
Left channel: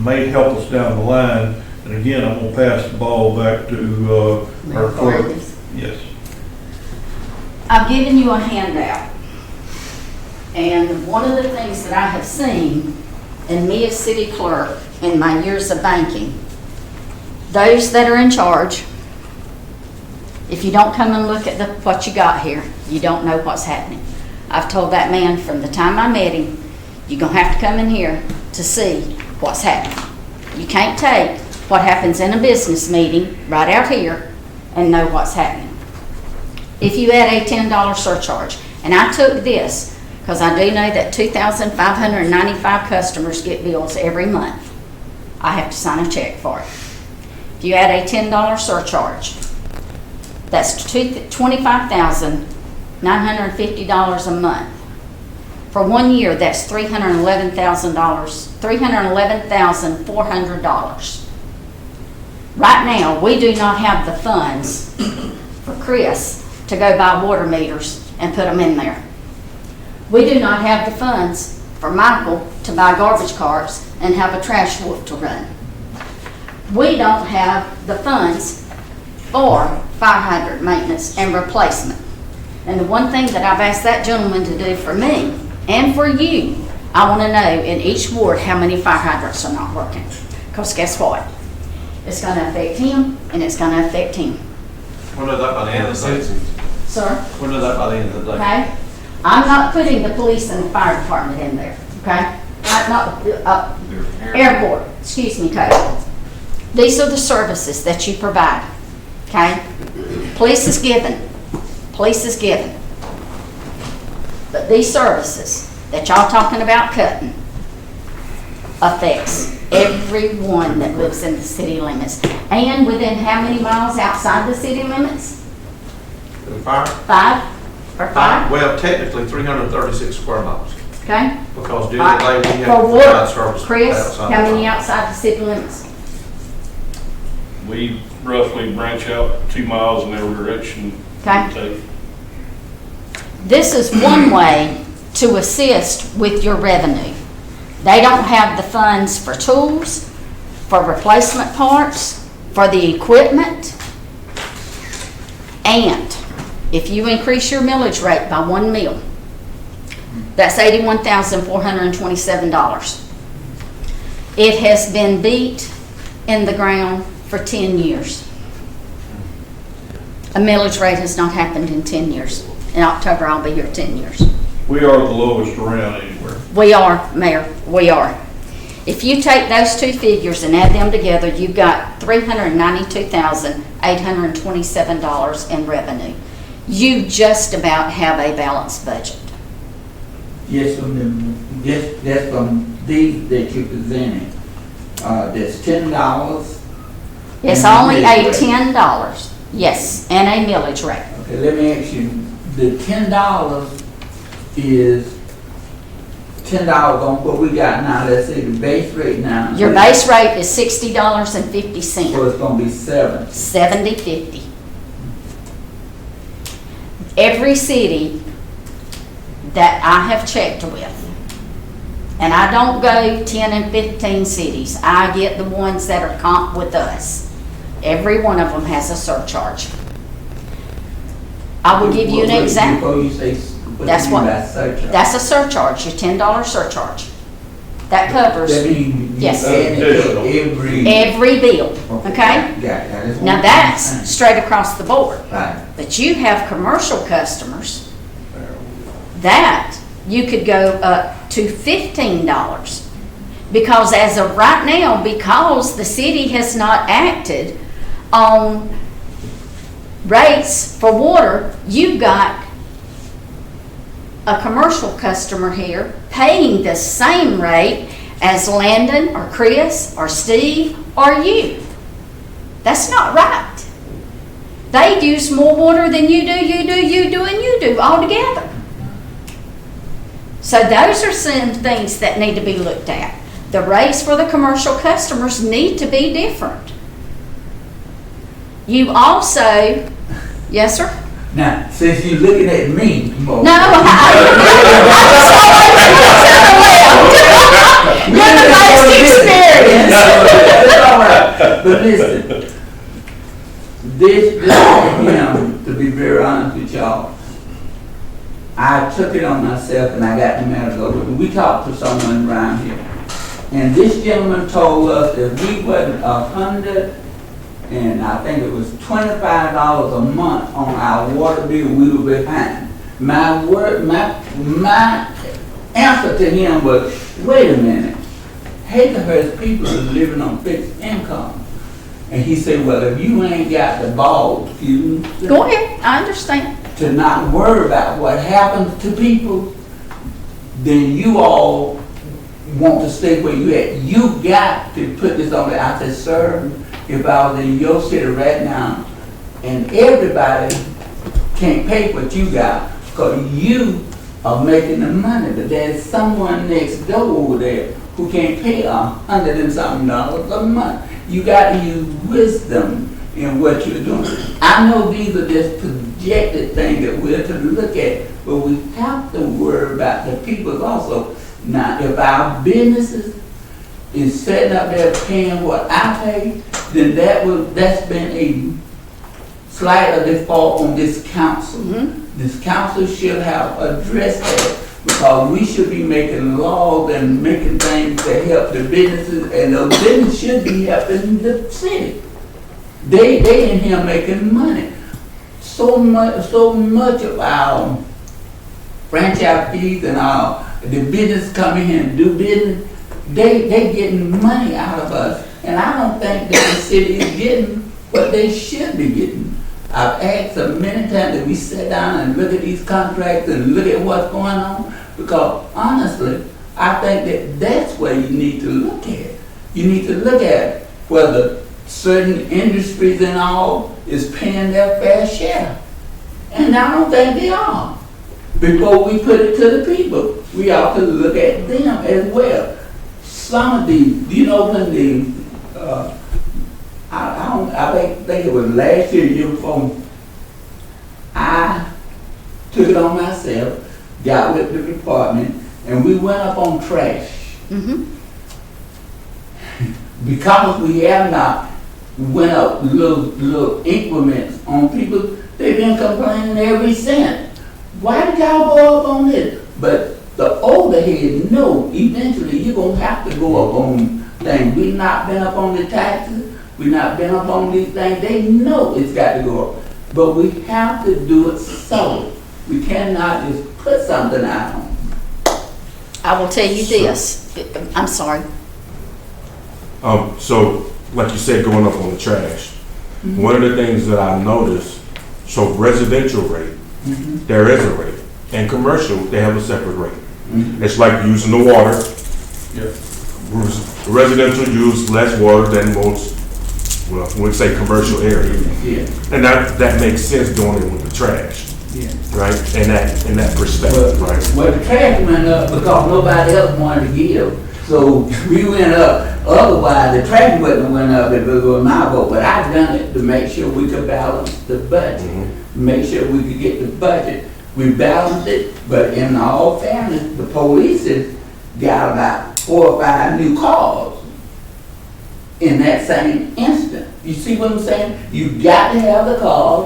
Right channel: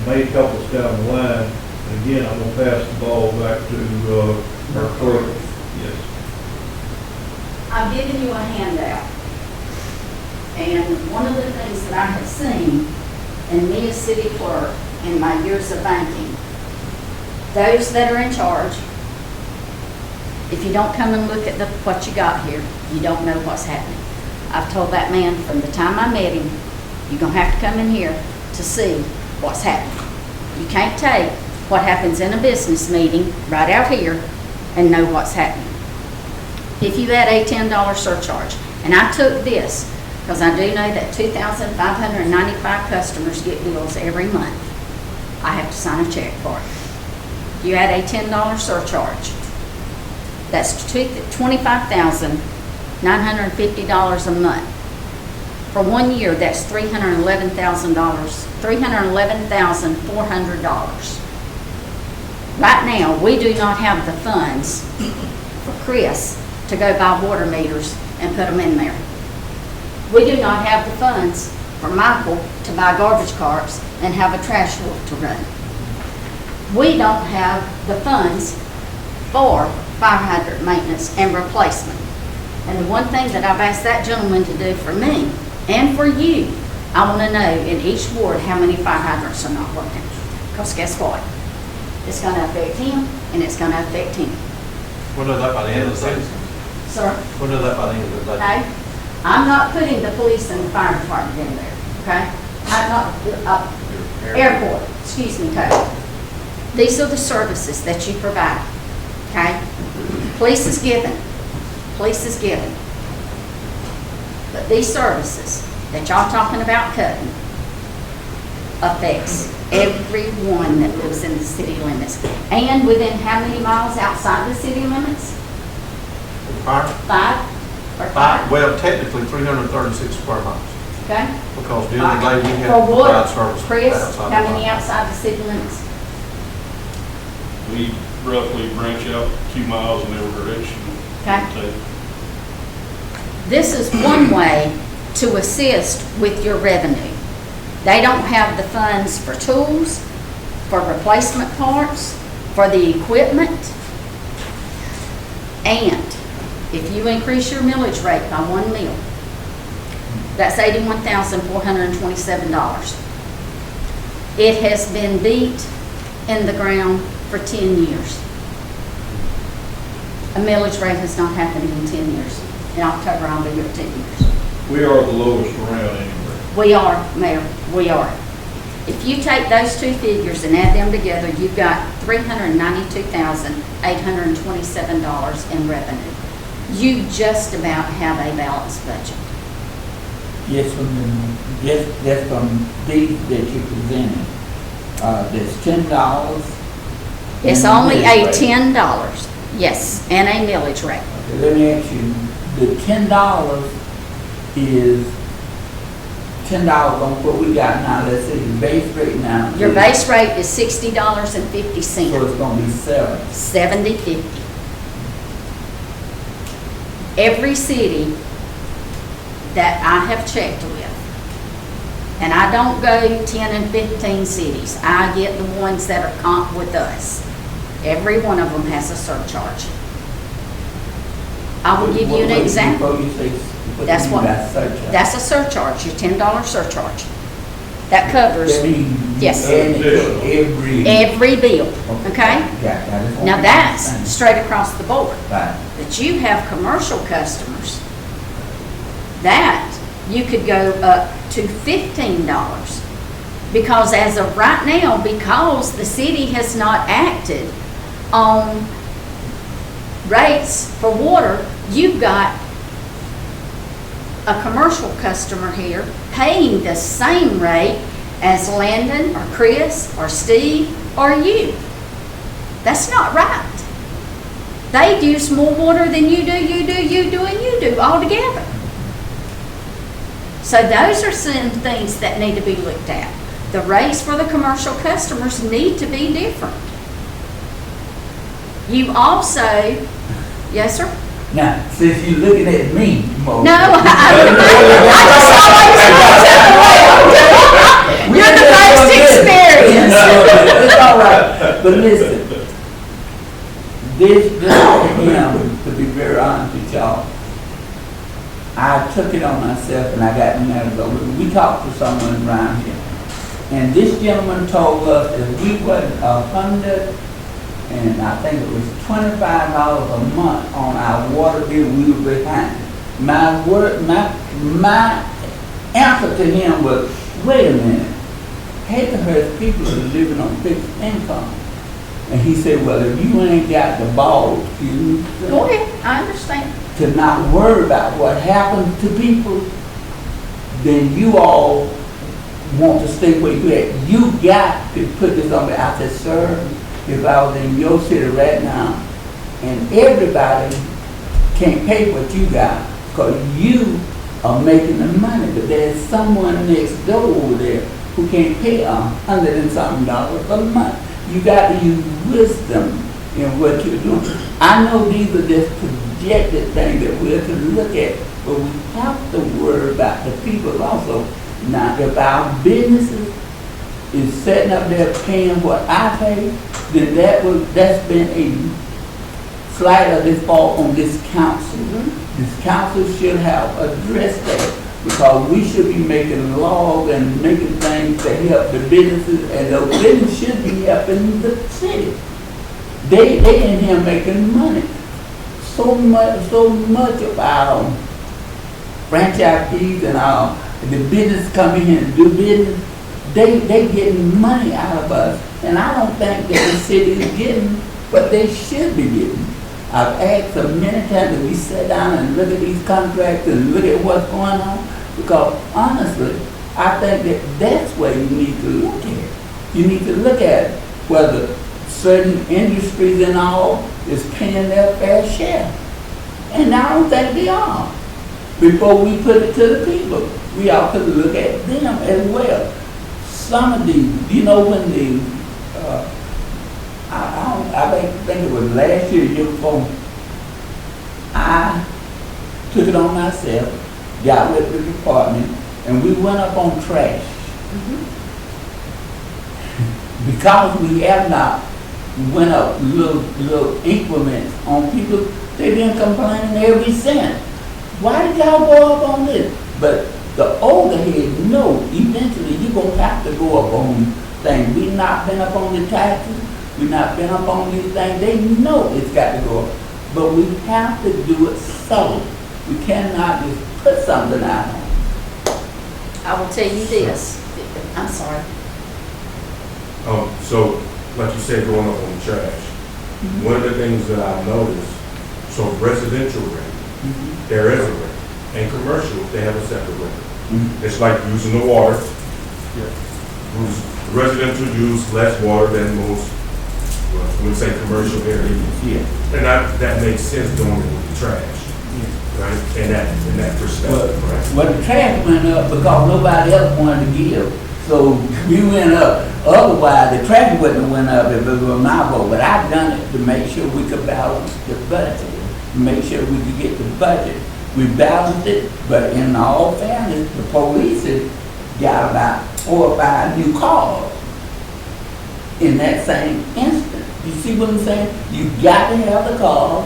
may help us down the line. And again, I'm going to pass the ball back to our clerk. Yes. I've given you a handout. And one of the things that I have seen in me as city clerk in my years of banking, those that are in charge, if you don't come and look at what you got here, you don't know what's happening. I've told that man from the time I met him, you're going to have to come in here to see what's happening. You can't take what happens in a business meeting right out here and know what's happening. If you add a $10 surcharge, and I took this because I do know that 2,595 customers get bills every month. I have to sign a check for it. If you add a $10 surcharge, that's $25,950 a month. For 1 year, that's $311,400. Right now, we do not have the funds for Chris to go buy water meters and put them in there. We do not have the funds for Michael to buy garbage carts and have a trash wolf to run. We don't have the funds for fire hydrant maintenance and replacement. And the one thing that I've asked that gentleman to do for me and for you, I want to know in each ward how many fire hydrants are not working. Because guess what? It's going to affect him and it's going to affect him. We'll know that by the end of the season. Sir? We'll know that by the end of the day. Okay? I'm not putting the police and the fire department in there, okay? I'm not, airport, excuse me, Coach. These are the services that you provide, okay? Police is given. Police is given. But these services that y'all talking about cutting affects everyone that lives in the city limits. And within how many miles outside the city limits? Fire? 5 or 5, Well, technically 336 square miles, okay? because during the day we For have to what? provide service. Chris, outside how the many fire. outside the city limits? We roughly branch out 2 miles in every direction. Okay. This is one way to assist with your revenue. They don't have the funds for tools, for replacement parts, for the equipment. And if you increase your millage rate by 1 mil, that's $81,427. It has been beat in the ground for 10 years. A millage rate has not happened in 10 years. In October, I'll be here 10 years. We are the lowest around anywhere. We are, Mayor, we are. If you take those two figures and add them together, you've got $392,827 in revenue. You just about have a balanced budget. Yes, that's from these that you presented. There's $10. It's and only a millage rate. $10, yes, and a millage rate. Okay, let me ask you, the $10 is $10 on what we got now, let's say the base rate now. Your base rate is $60.50, So it's gonna be 7. $70.50. Every city that I have checked with, and I don't go 10 and 15 cities, I get the ones that are comp with us. Every one of them has a surcharge. I will give you an example. Before you say, That's what- Surcharge. That's a surcharge, your $10 surcharge. That covers Yes. Additional. every bill, okay? Yeah. Now, that's straight across the board. Right. But you have commercial customers, that you could go up to $15. Because as of right now, because the city has not acted on rates for water, you've got a commercial customer here paying the same rate as Landon or Chris or Steve or you. That's not right. They use more water than you do, and you do all together. So those are some things that need to be looked at. The rates for the commercial customers need to be different. You also, yes, sir? Now, since you're looking at me, well, No, you're the most experienced. It's all right, but listen, this, to be very honest with y'all, I took it on myself and I got the matters over. We talked to someone around here, and this gentleman told us if we put 100, and I think it was $25 a month on our water bill, we were behind. My answer to him was, wait a minute, Hazelhurst people are living on fixed income. And he said, well, if you ain't got the balls, Go ahead, I understand. to not worry about what happens to people, then you all want to stay where you at. You got to put this on there. I said, sir, if I was in your city right now, and everybody can't pay what you got, because you are making the money, but there's someone next door over there who can't pay $100 and something a month. You got to use wisdom in what you're doing. I know these are just projected things that we're to look at, but we have to worry about the people also. Now, if our businesses is setting up there paying what I pay, then that's been a slight of default on this council. Mm-hmm. This council should have addressed that, because we should be making laws and making things to help the businesses, and those businesses should be helping the city. They in here making money. So much of our franchise fees and our the business coming here and do business, they getting money out of us, and I don't think that the city is getting what they should be getting. I've asked them many times that we sit down and look at these contracts and look at what's going on, because honestly, I think that that's where you need to look at. You need to look at whether certain industries and all is paying their fair share. And I don't think they are. Before we put it to the people, we ought to look at them as well. Some of these, when the, I think it was last year, year before, I took it on myself, got with the department, and we went up on trash. Mm-hmm. Because we have not went up little increments on people, they've been complaining every cent. Why did y'all go up on this? But the overhead, no, eventually you're going to have to go up on things. We've not been up on the taxes. We've not been up on these things. They know it's got to go up. But we have to do it so. We cannot just put something out on them. I will tell you this, I'm sorry. So, like you said, going up on the trash, one of the things that I noticed, so residential rate, there is a rate, and commercial, they have a separate rate. It's like using the water. Residential use less water than most, well, we'd say commercial areas. Yeah. And that makes sense doing it with the trash, right? In that perspective, right? But the trash went up because nobody else wanted to give. So we went up. Otherwise, the trash wouldn't went up if it was my vote. But I done it to make sure we could balance the budget, to make sure we could get the budget. We balanced it, but in all fairness, the police had got about 4 or 5 new cars in that same instant. You see what I'm saying? You got to have the cars,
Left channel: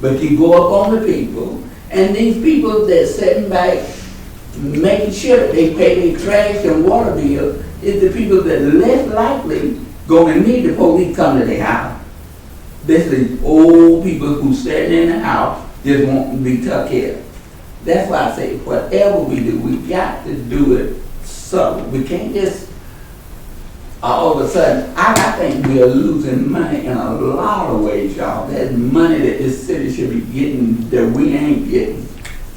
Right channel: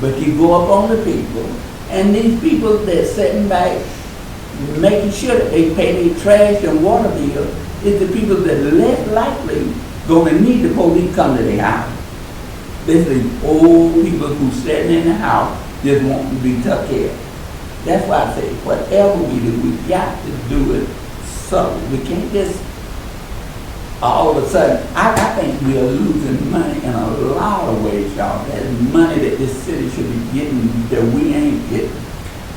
but you go up on the people, and these people that's sitting back making sure that they pay their trash and water bill is the people that less likely gonna need the police come to their house. This is old people who sitting in the house just want to be took care of. That's why I say, whatever we do, we got to do it subtle. We can't just all of a sudden, I think we are losing money in a lot of ways, y'all. There's money that this city should be getting that we ain't getting.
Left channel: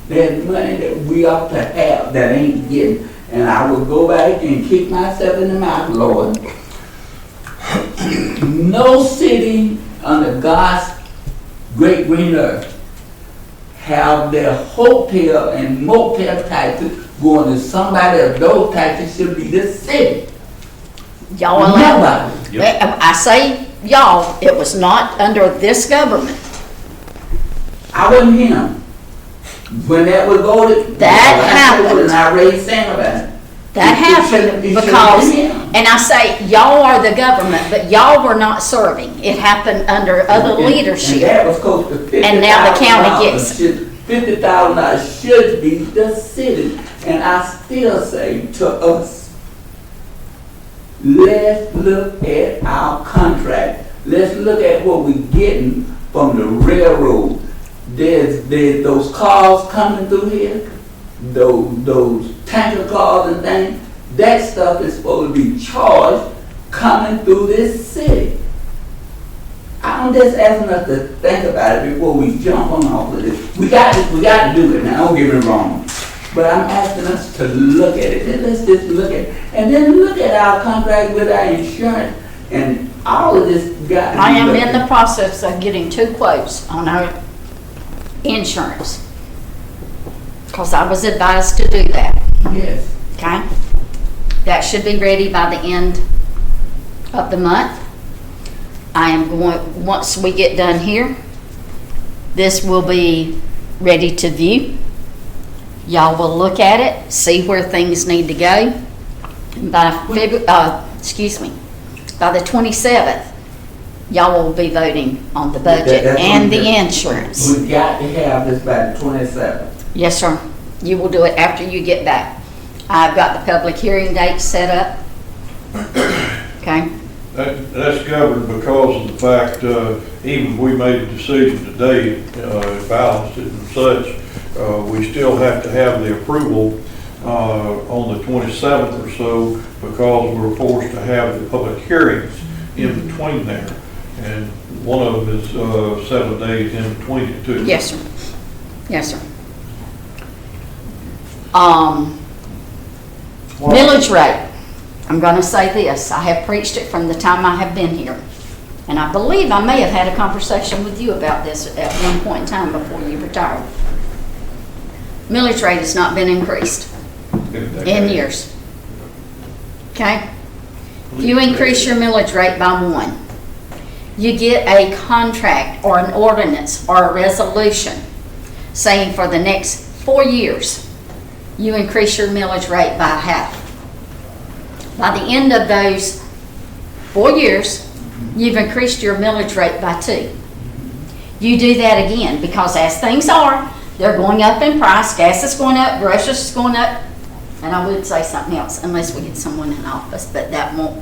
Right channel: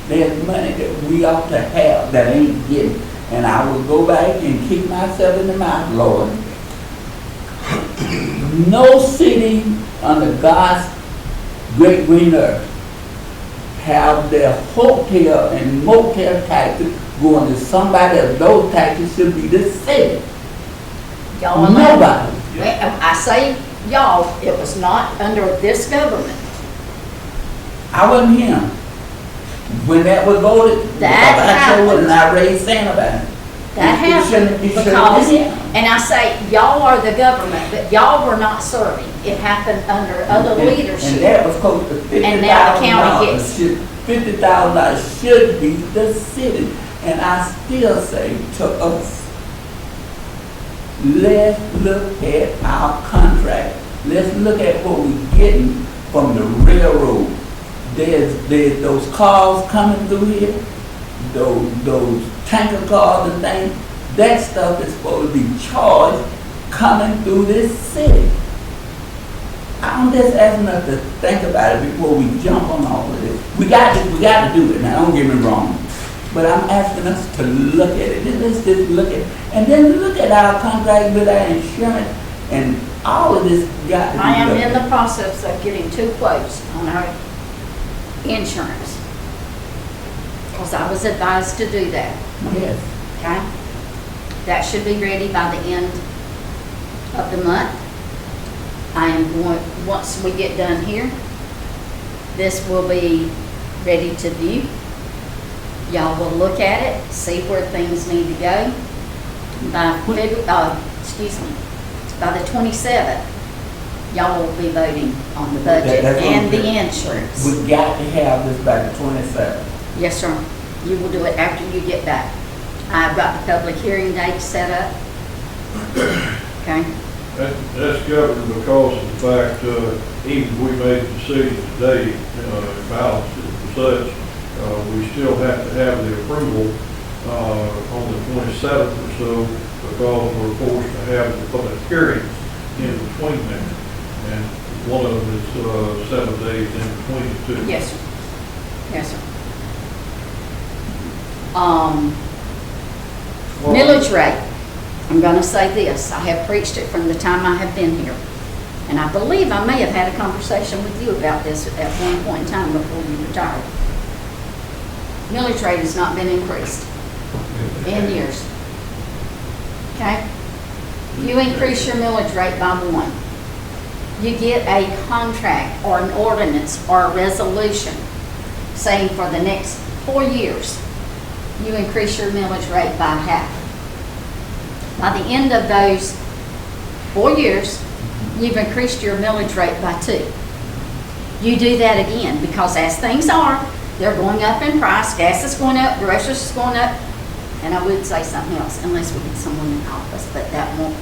There's money that we ought to have that ain't getting. And I will go back and kick myself in the mouth, Lord. No city under God's great green earth have their hotel and motel taxes going to somebody else. Those taxes should be the city. Y'all allowed. Nobody. I say y'all, it was not under this government. I wasn't here. When that was voted. That happened. And I raised sand about it. That happened It shouldn't because, be him. and I say, y'all are the government, but y'all were not serving. It happened under other And leadership. that was close to $50,000. And now the county gets $50,000 should be the city. And I still say to us, let's look at our contract. Let's look at what we're getting from the railroad. There's those cars coming through here, those tanker cars and things. That stuff is supposed to be charged coming through this city. I'm just asking us to think about it before we jump on all of this. We got to do it now, don't get me wrong. But I'm asking us to look at it. And let's just look at it. And then look at our contract with our insurance and all of this got to be I am looked in at. the process of getting 2 quotes on our insurance. Because I was advised to do that, Yes. okay? That should be ready by the end of the month. I am going, once we get done here, this will be ready to view. Y'all will look at it, see where things need to go. By the 27th, y'all will be voting on the budget and the insurance. We got to have this by the 27th. Yes, sir. You will do it after you get back. I've got the public hearing date set up. Okay? That's governed because of the fact, even if we made a decision today, balanced it and such, we still have to have the approval on the 27th or so because we're forced to have the public hearings in between there. And one of them is 7 days in between the two. Yes, sir. Yes, sir. Millage rate. I'm going to say this. I have preached it from the time I have been here. And I believe I may have had a conversation with you about this at one point in time before you retired. Millage rate has not been increased in years. Okay? You increase your millage rate by 1. You get a contract or an ordinance or a resolution saying for the next 4 years, you increase your millage rate by half. By the end of those 4 years, you've increased your millage rate by 2. You do that again because as things are, they're going up in price. Gas is going up, groceries is going up, and I would say something else unless we get someone in office, but that won't.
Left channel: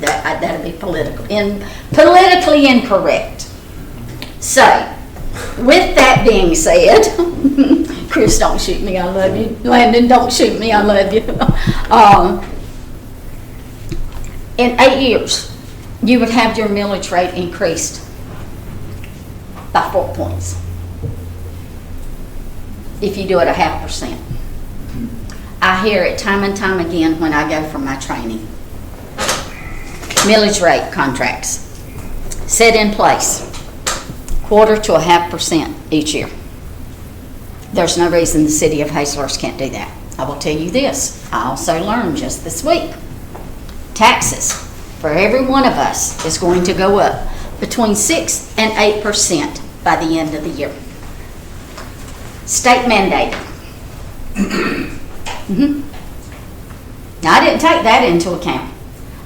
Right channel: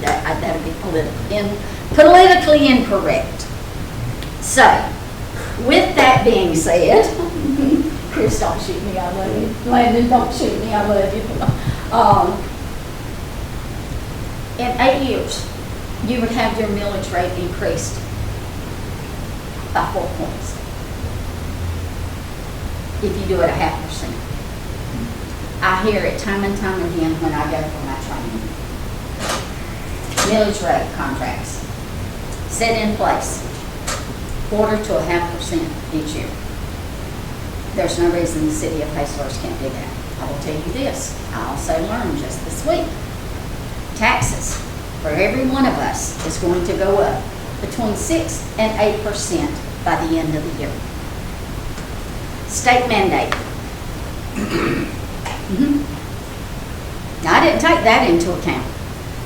That'd be politically incorrect. So, with that being said, Chris, don't shoot me, I love you. Landon, don't shoot me, I love you. In 8 years, you would have your millage rate increased by 4 points. If you do it 0.5%. I hear it time and time again when I go for my training. Millage rate contracts set in place 1/4 to 0.5% each year. There's no reason the city of Hazlehurst can't do that. I will tell you this, I also learned just this week, taxes for every one of us is going to go up between 6 and 8% by the end of the year. State mandate. Now, I didn't take that into account.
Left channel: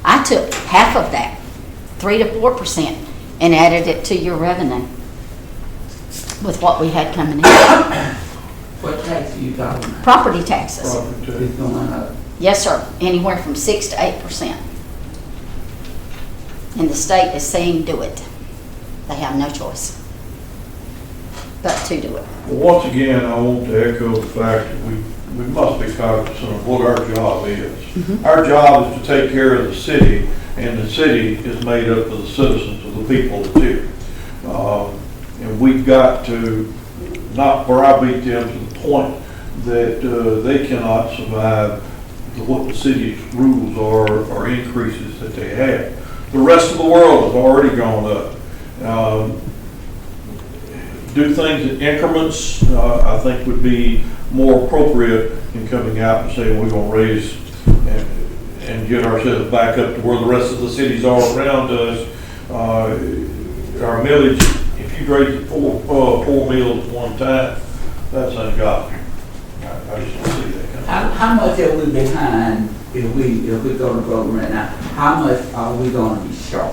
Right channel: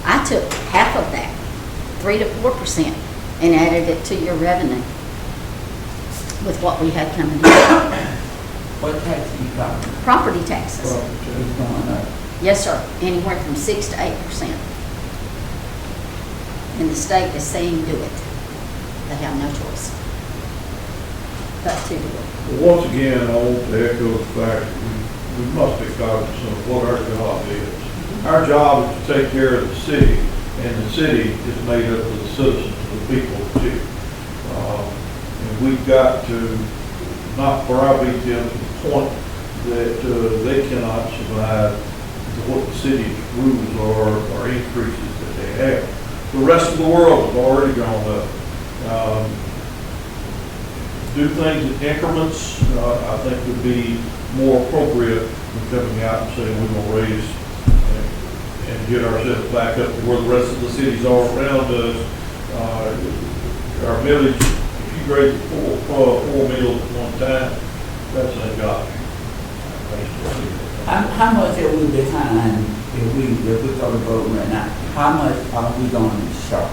I took half of that, 3 to 4%, and added it to your revenue with what we had coming in. What tax are you talking about? Property taxes. It's going up. Yes, sir, anywhere from 6 to 8%. And the state is saying do it. They have no choice but to do it. Well, once again, I want to echo the fact that we must be cognizant of what our job is. Our job is to take care of the city, and the city is made up of the citizens, of the people too. And we've got to not browbeat them to the point that they cannot survive what the city's rules are or increases that they have. The rest of the world has already gone up. Do things in increments, I think would be more appropriate than coming out and saying we're going to raise and get ourselves back up to where the rest of the cities are around us. Our millage, if you raise four meals at one time, that's ungodly. I just don't see that. How much are we behind if we go to vote right now? How much are we going to be short of?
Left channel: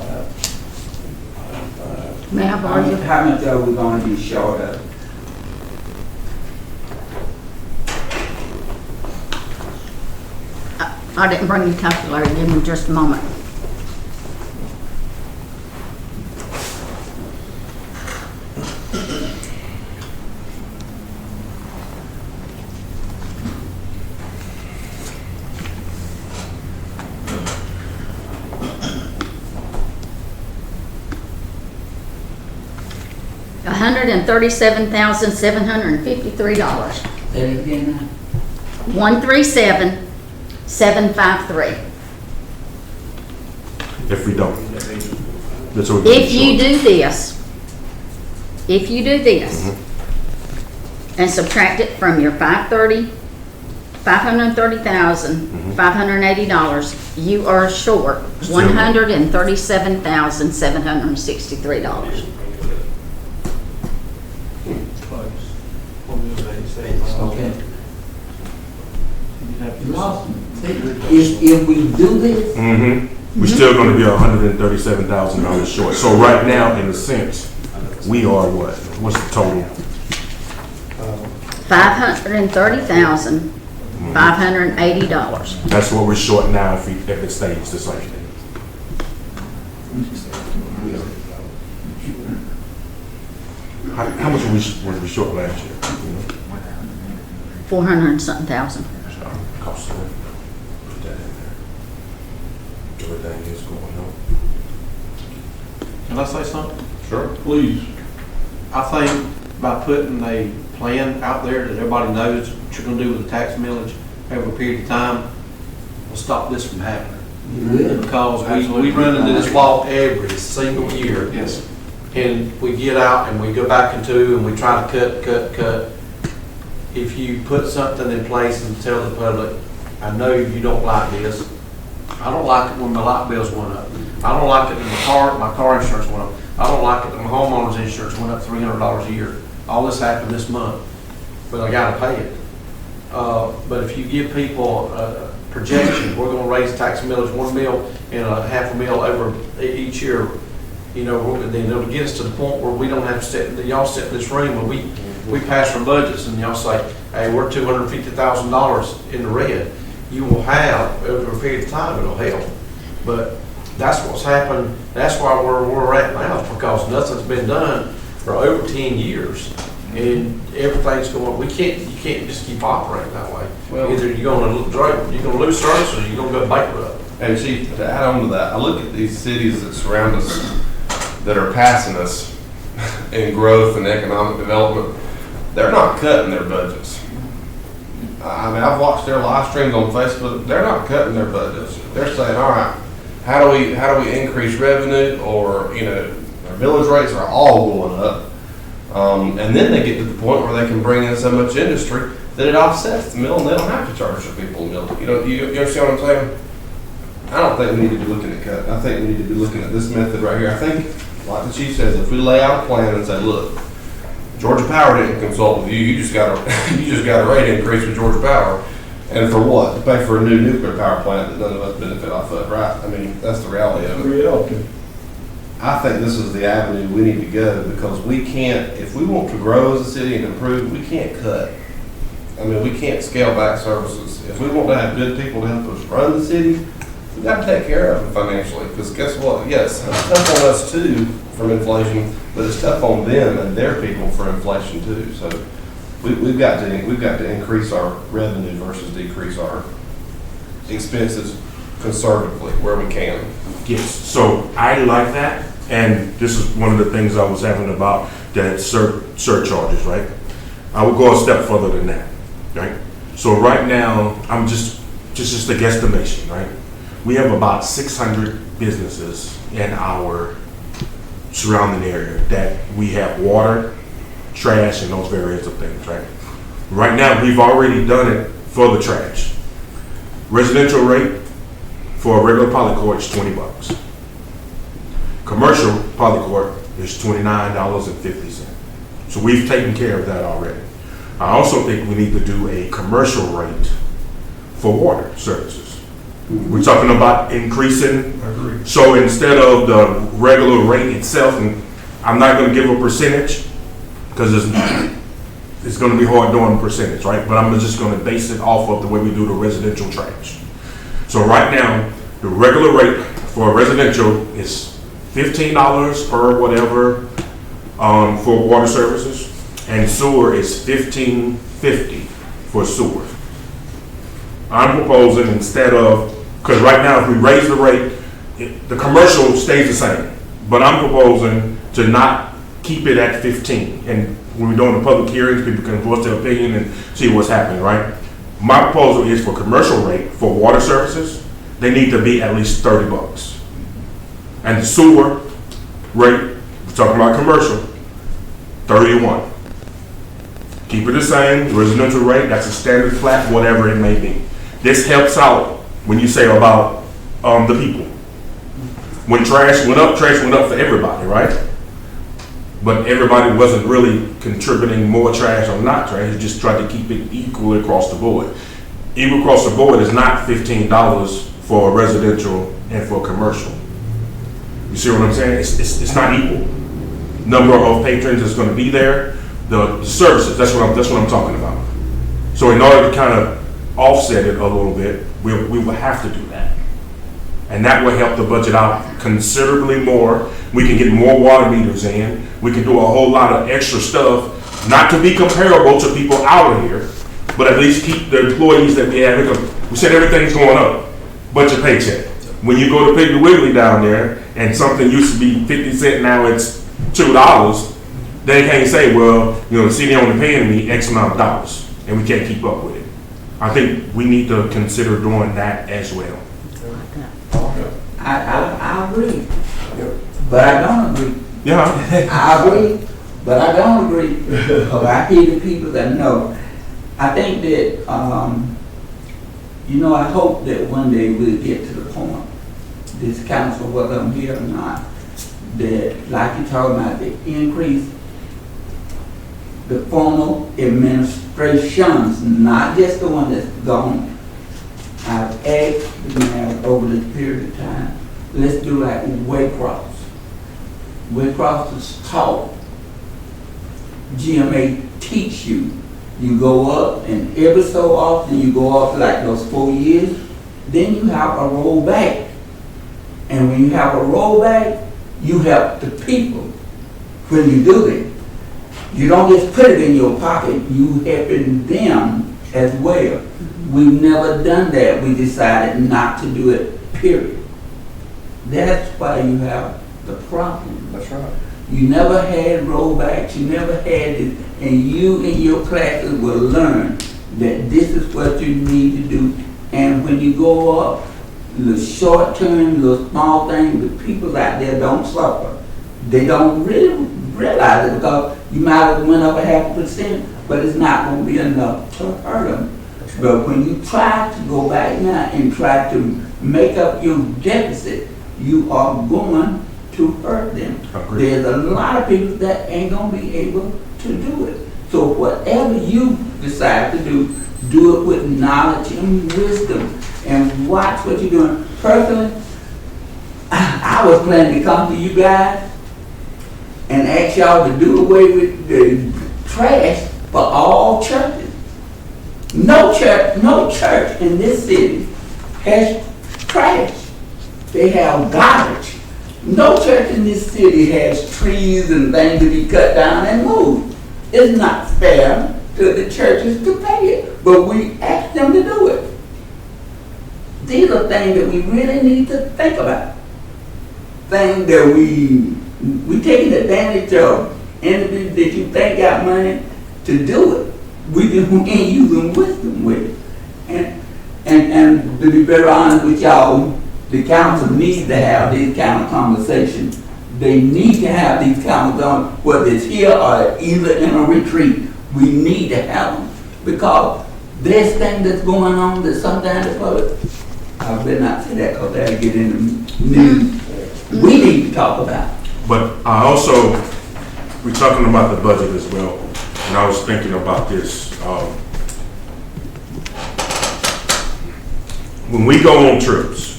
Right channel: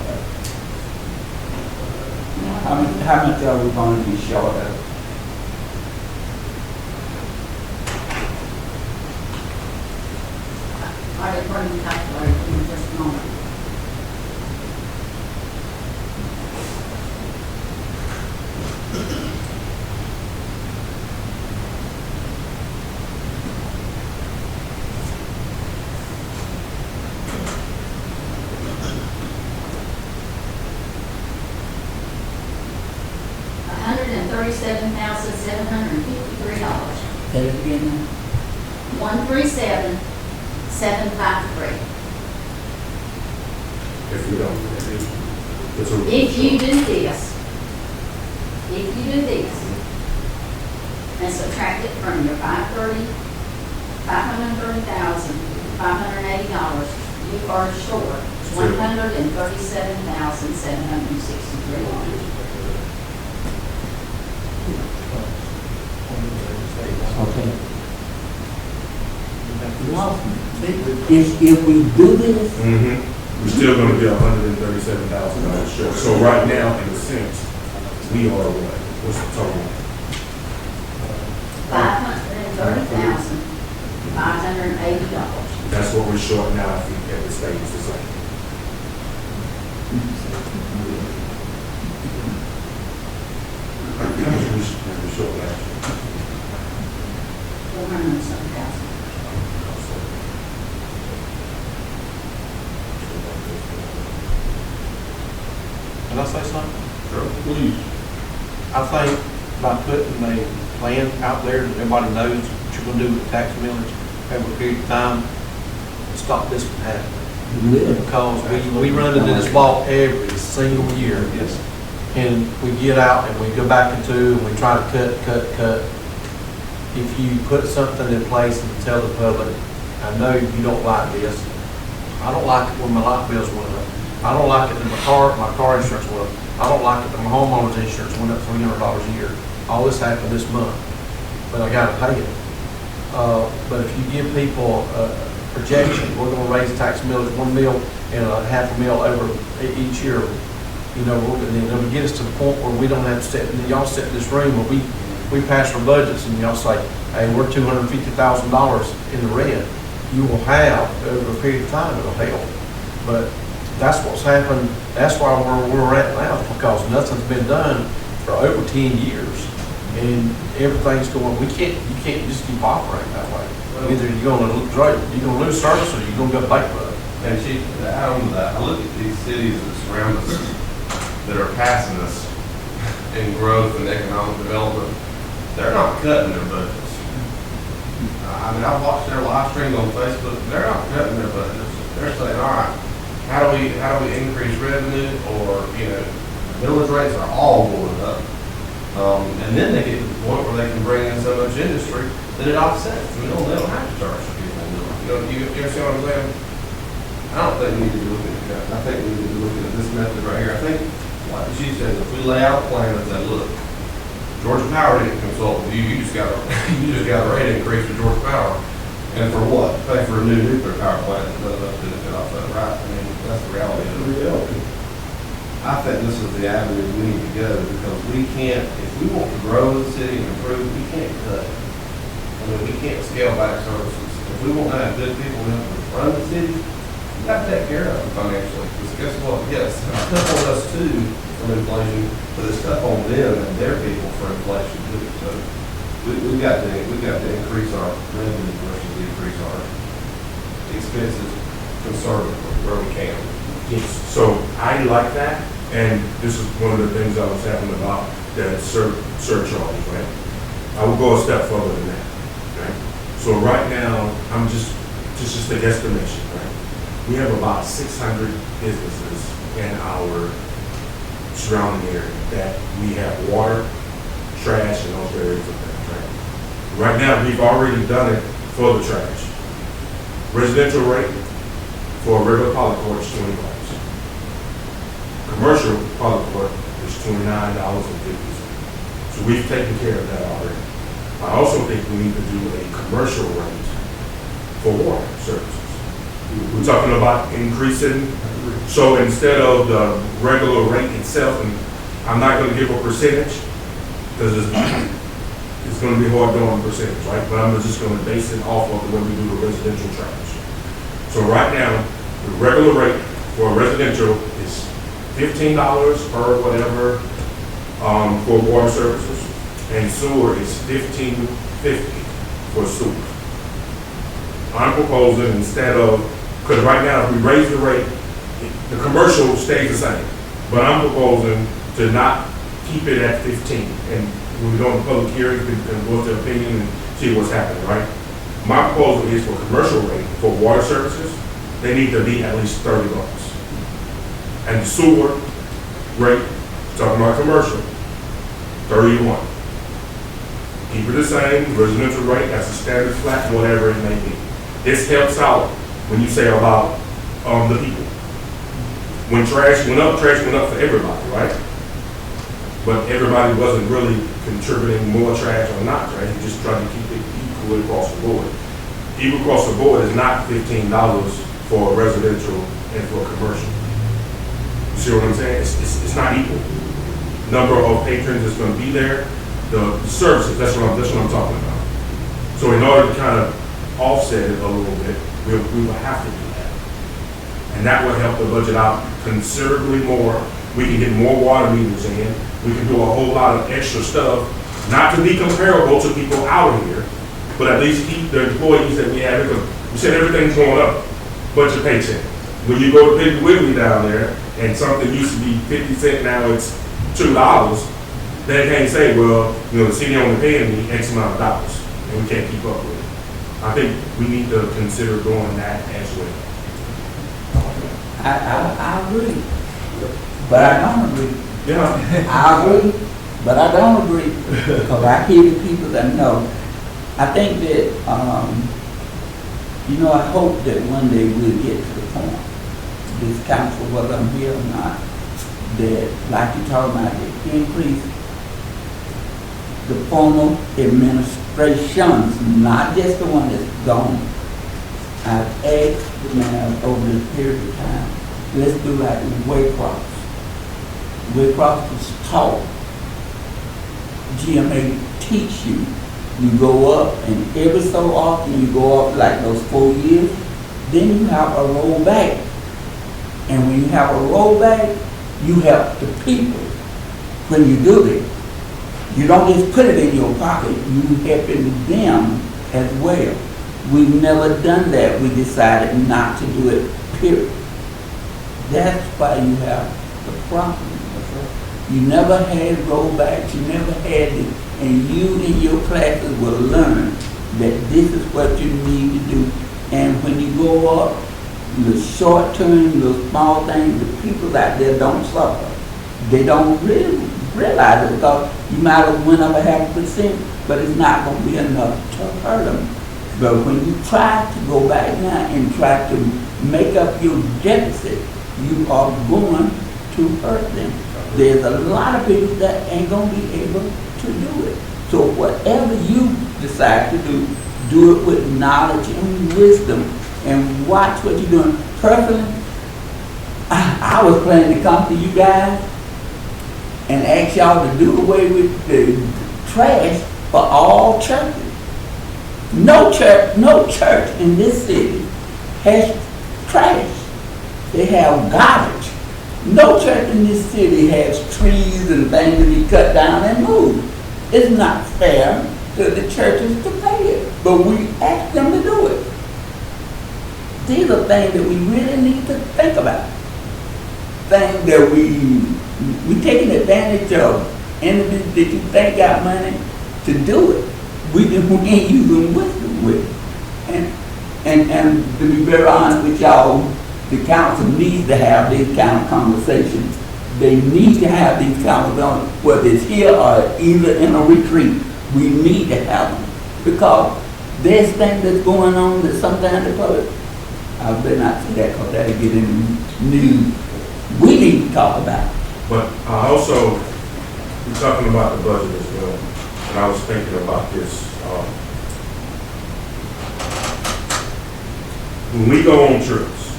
May I borrow your How much are we going to be short of? I didn't bring your calculator, give me just a moment. $137,753. Say it again now. 137,753. If we don't. That's what If you do this, and subtract it from your $530,580, you are short $137,763. Okay. If we do this, We're still gonna be $137,000 short. So right now, in a sense, we are what? What's the total? $530,580. That's what we're short now if it stays the same. How much were we short last year? 400 and something thousand. Can I say something? Sure. Please. I think by putting a plan out there that everybody knows what you're gonna do with the tax millage over a period of time, will stop this from happening. Because we run into this wall every single year. Yes. And we get out and we go back into and we try to cut. If you put something in place and tell the public, I know you don't like this. I don't like it when my light bills went up. I don't like it when my car insurance went up. I don't like it when my homeowner's insurance went up $300 a year. All this happened this month, but I gotta pay it. But if you give people a projection, we're gonna raise tax millage $1 mil and a half a mil over each year, you know, and then it'll get us to the point where we don't have to sit, y'all sit in this room and we pass our budgets and y'all say, hey, we're $250,000 in the red. You will have, over a period of time, it'll help. But that's what's happened, that's why we're at now, because nothing's been done for over 10 years. And everything's going, you can't just keep operating that way. Either you're gonna lose service or you're gonna go bankrupt. And Chief, to add on to that, I look at these cities that surround us that are passing us in growth and economic development. They're not cutting their budgets. I mean, I've watched their live streams on Facebook. They're not cutting their budgets. They're saying, all right, how do we increase revenue, or, you know, their village rates are all going up. And then they get to the point where they can bring in so much industry that it offsets the mill, and they don't have to charge the people a mill. You know, you understand what I'm saying? I don't think we need to be looking at cut. I think we need to be looking at this method right here. I think, like the chief says, if we lay out a plan and say, look, Georgia Power didn't consult with you, you just got a rate increase with Georgia Power. And for what? To pay for a new nuclear power plant that none of us benefit off of, right? I mean, that's the reality of it. Reality. I think this is the avenue we need to go, because we can't, if we want to grow as a city and improve, we can't cut. I mean, we can't scale back services. If we want to have good people to help us run the city, we got to take care of them financially. Because guess what? Yes, it's tough on us too from inflation, but it's tough on them and their people for inflation too. So we've got to increase our revenue versus decrease our expenses conservatively where we can. Yes, so I like that, and this is one of the things I was having about the surcharges, right? I will go a step further than that, right? So right now, I'm just a guesstimation, right? We have about 600 businesses in our surrounding area that we have water, trash, and those various of things, right? Right now, we've already done it for the trash. Residential rate for a regular polycourt is $20. Commercial polycourt is $29.50. So we've taken care of that already. I also think we need to do a commercial rate for water services. We're talking about increasing. So instead of the regular rate itself, and I'm not going to give a percentage because it's going to be hard doing a percentage, right? But I'm just going to base it off of the way we do the residential trash. So right now, the regular rate for residential is $15 per whatever for water services, and sewer is $15.50 for sewer. I'm proposing instead of, because right now if we raise the rate, the commercial stays the same, but I'm proposing to not keep it at 15. And when we're doing the public hearings, people can voice their opinion and see what's happening, right? My proposal is for commercial rate for water services, they need to be at least $30. And the sewer rate, we're talking about commercial, 31. Keep it the same, residential rate, that's a standard flat, whatever it may be. This helps out when you say about the people. When trash went up for everybody, right? But everybody wasn't really contributing more trash or not trash, it just tried to keep it equal across the board. Equal across the board is not $15 for residential and for commercial. You see what I'm saying? It's not equal. Number of patrons is going to be there. The services, that's what I'm talking about. So in order to kind of offset it a little bit, we will have to do that. And that will help the budget out considerably more. We can get more water meters in. We can do a whole lot of extra stuff, not to be comparable to people out of here, but at least keep the employees that we have. We said everything's going up, but your paycheck. When you go to Piggly Wiggly down there, and something used to be 50 cents, now it's $2, they can't say, well, the city only paying me X amount of dollars, and we can't keep up with it. I think we need to consider doing that as well. I agree, but I don't agree. Yeah. I agree, but I don't agree, because I hear the people that know. I think that, I hope that one day we'll get to the point, this council, whether I'm here or not, that, like you're talking about, the increase, the formal administrations, not just the one that's gone. I've asked the mayor over this period of time, let's do like Waycross. Waycross was taught, GMA teach you. You go up, and every so often you go up like those 4 years, then you have a rollback. And when you have a rollback, you help the people when you do it. You don't just put it in your pocket, you helping them as well. We've never done that. We decided not to do it, period. That's why you have the problem. That's right. You never had rollbacks, you never had it, and you in your classes will learn that this is what you need to do. And when you go up, the short term, the small things, the people out there don't suffer. They don't really realize it, because you might have went up 0.5%, but it's not going to be enough to hurt them. But when you try to go back now and try to make up your deficit, you are going to hurt them. There's a lot of people that ain't going to be able to do it. So whatever you decide to do it with knowledge and wisdom, and watch what you're doing. Personally, I was planning to come to you guys and ask y'all to do away with the trash for all churches. No church in this city has trash. They have garbage. No church in this city has trees and things to be cut down and moved. It's not fair to the churches to pay it, but we ask them to do it. These are things that we really need to think about. Things that we taking advantage of entities that you think got money to do it. We ain't using wisdom with it. And to be very honest with y'all, the council needs to have these kind of conversations. They need to have these conversations, whether it's here or either in a retreat. We need to have them. Because there's things that's going on that sometimes the public, I better not say that because that'll get in the news. We need to talk about it. But I also, we're talking about the budget as well, and I was thinking about this. When we go on trips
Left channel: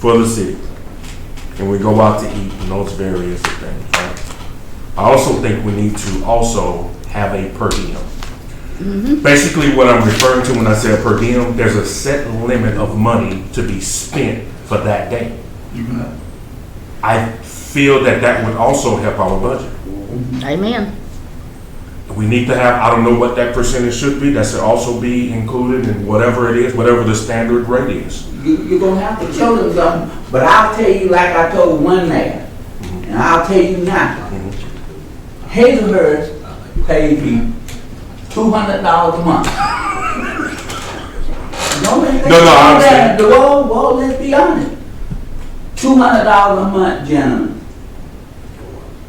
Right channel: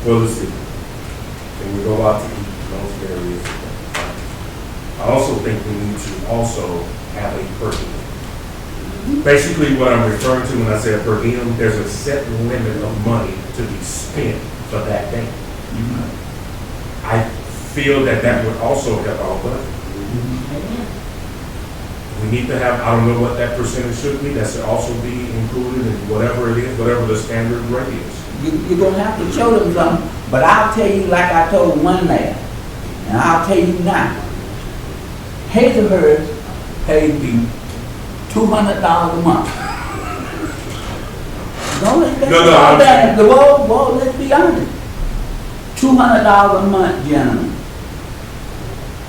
for the city, and we go out to eat and those various things, right? I also think we need to also have a per diem. Basically what I'm referring to when I say a per diem, there's a set limit of money to be spent for that day. I feel that that would also help our budget. Amen. We need to have, I don't know what that percentage should be, that should also be included in whatever it is, whatever the standard rate is. You're going to have to show them something, but I'll tell you like I told one man, and I'll tell you now. Hazelhurst paid me $200 a month. Well, let's be honest. $200 a month, gentlemen.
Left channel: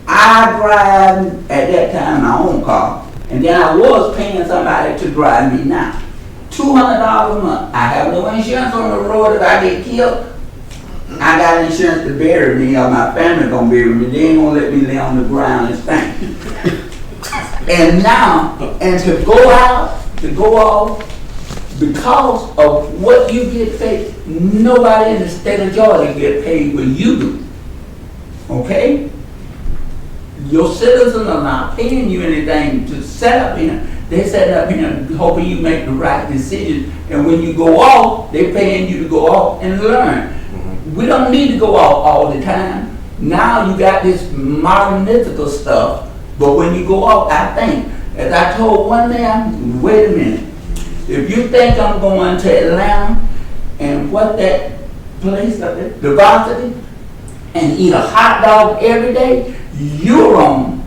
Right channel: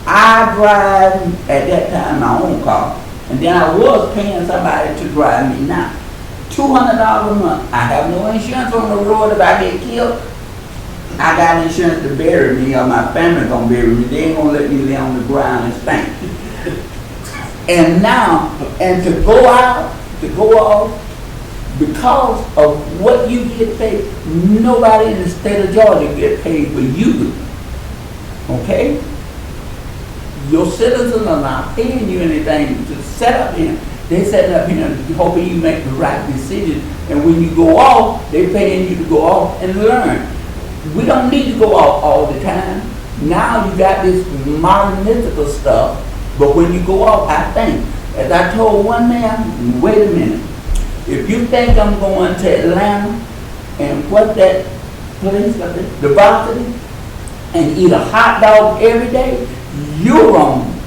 I drive at that time my own car, and then I was paying somebody to drive me now. $200 a month. I have no insurance on the road if I get killed. I got insurance to bury me, or my family gonna bury me. They ain't gonna let me lay on the ground and stink. And now, and to go off, because of what you get paid, nobody in the state of Georgia get paid but you do. Okay? Your citizens are not paying you anything to set up here. They set up here hoping you make the right decision. And when you go off, they're paying you to go off and learn. We don't need to go off all the time. Now you got this modern mythical stuff. But when you go off, I think, as I told one man, wait a minute. If you think I'm going to Atlanta and what that place up there, the Varsity, and eat a hot dog every day, you're wrong.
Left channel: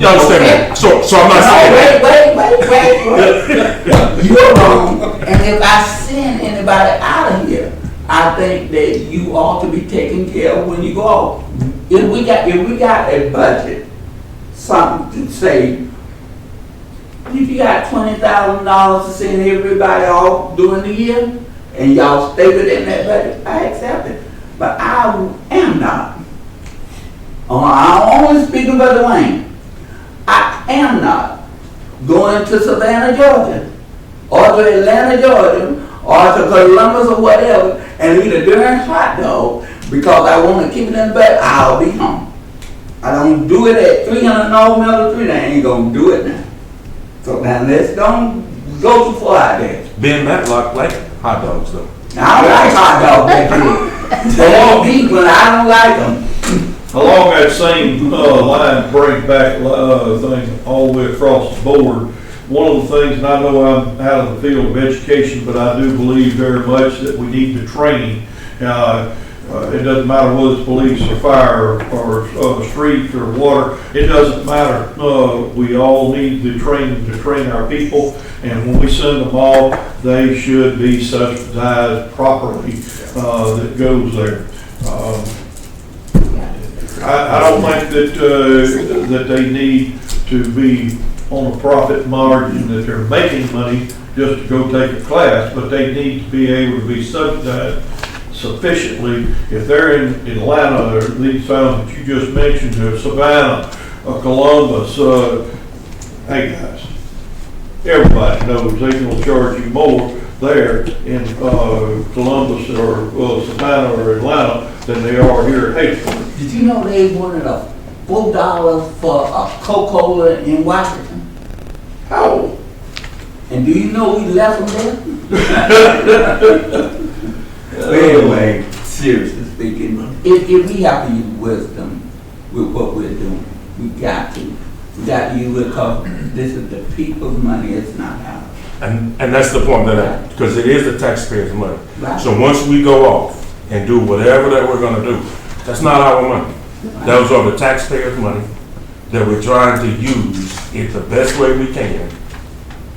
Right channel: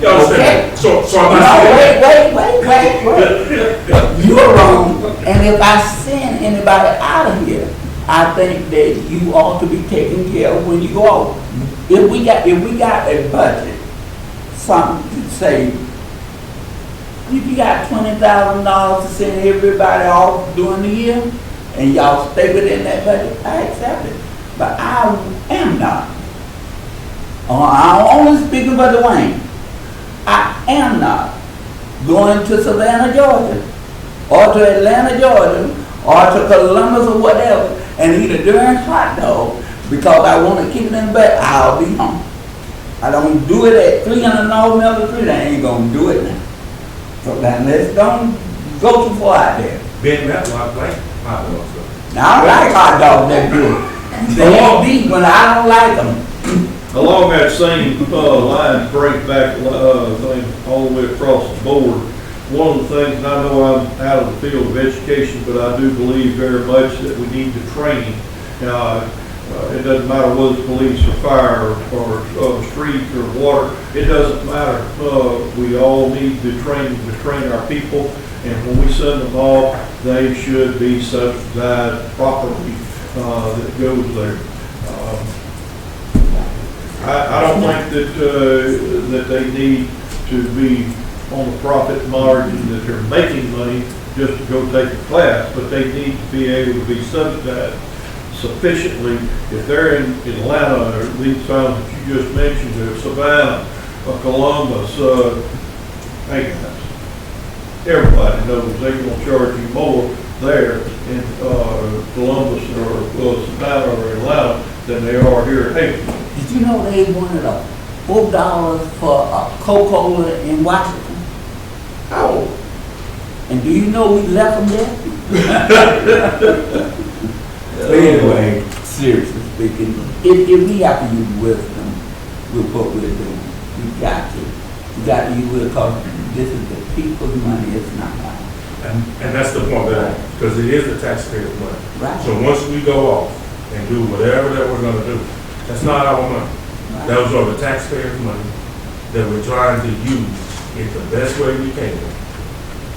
You understand that? So I'm not saying wait. You're wrong. And if I send anybody out of here, I think that you ought to be taken care of when you go off. If we got a budget, something to say, if you got $20,000 to send everybody off during the year, and y'all stay within that budget, I accept it. But I am not. I'm only speaking for Dwayne. I am not going to Savannah, Georgia, or to Atlanta, Georgia, or to Columbus or whatever, and eat a darn hot dog because I want to keep it in bed. I'll be home. I don't do it at 300 North Middle Street. I ain't gonna do it now. So now let's don't go too far out there. Ben Matlock like hot dogs though. Now I like hot dogs. They deep when I don't like them. Along that same line, bring back thing all the way across the board. One of the things, and I know I'm out of the field of education, but I do believe very much that we need to train. It doesn't matter whether it's police or fire or streets or water. It doesn't matter. We all need to train our people, and when we send them off, they should be subsidized properly. That goes there. I don't think that they need to be on a profit margin that they're making money just to go take a class, but they need to be able to be subsidized sufficiently. If they're in Atlanta or these towns that you just mentioned, Savannah, Columbus, hey guys, everybody knows they can charge you more there in Columbus or Savannah or Atlanta than they are here at Hazel. Did you know they wanted $4 for a Coca-Cola in Washington? Oh. And do you know we left them there? Anyway, seriously speaking, if we have to use wisdom with what we're doing, we got to. We got to use it because this is the people's money, it's not ours. And that's the point because it is the taxpayers' money. Right? So once we go off and do whatever that we're gonna do, that's not our money. Those are the taxpayers' money that we're trying to use it the best way we can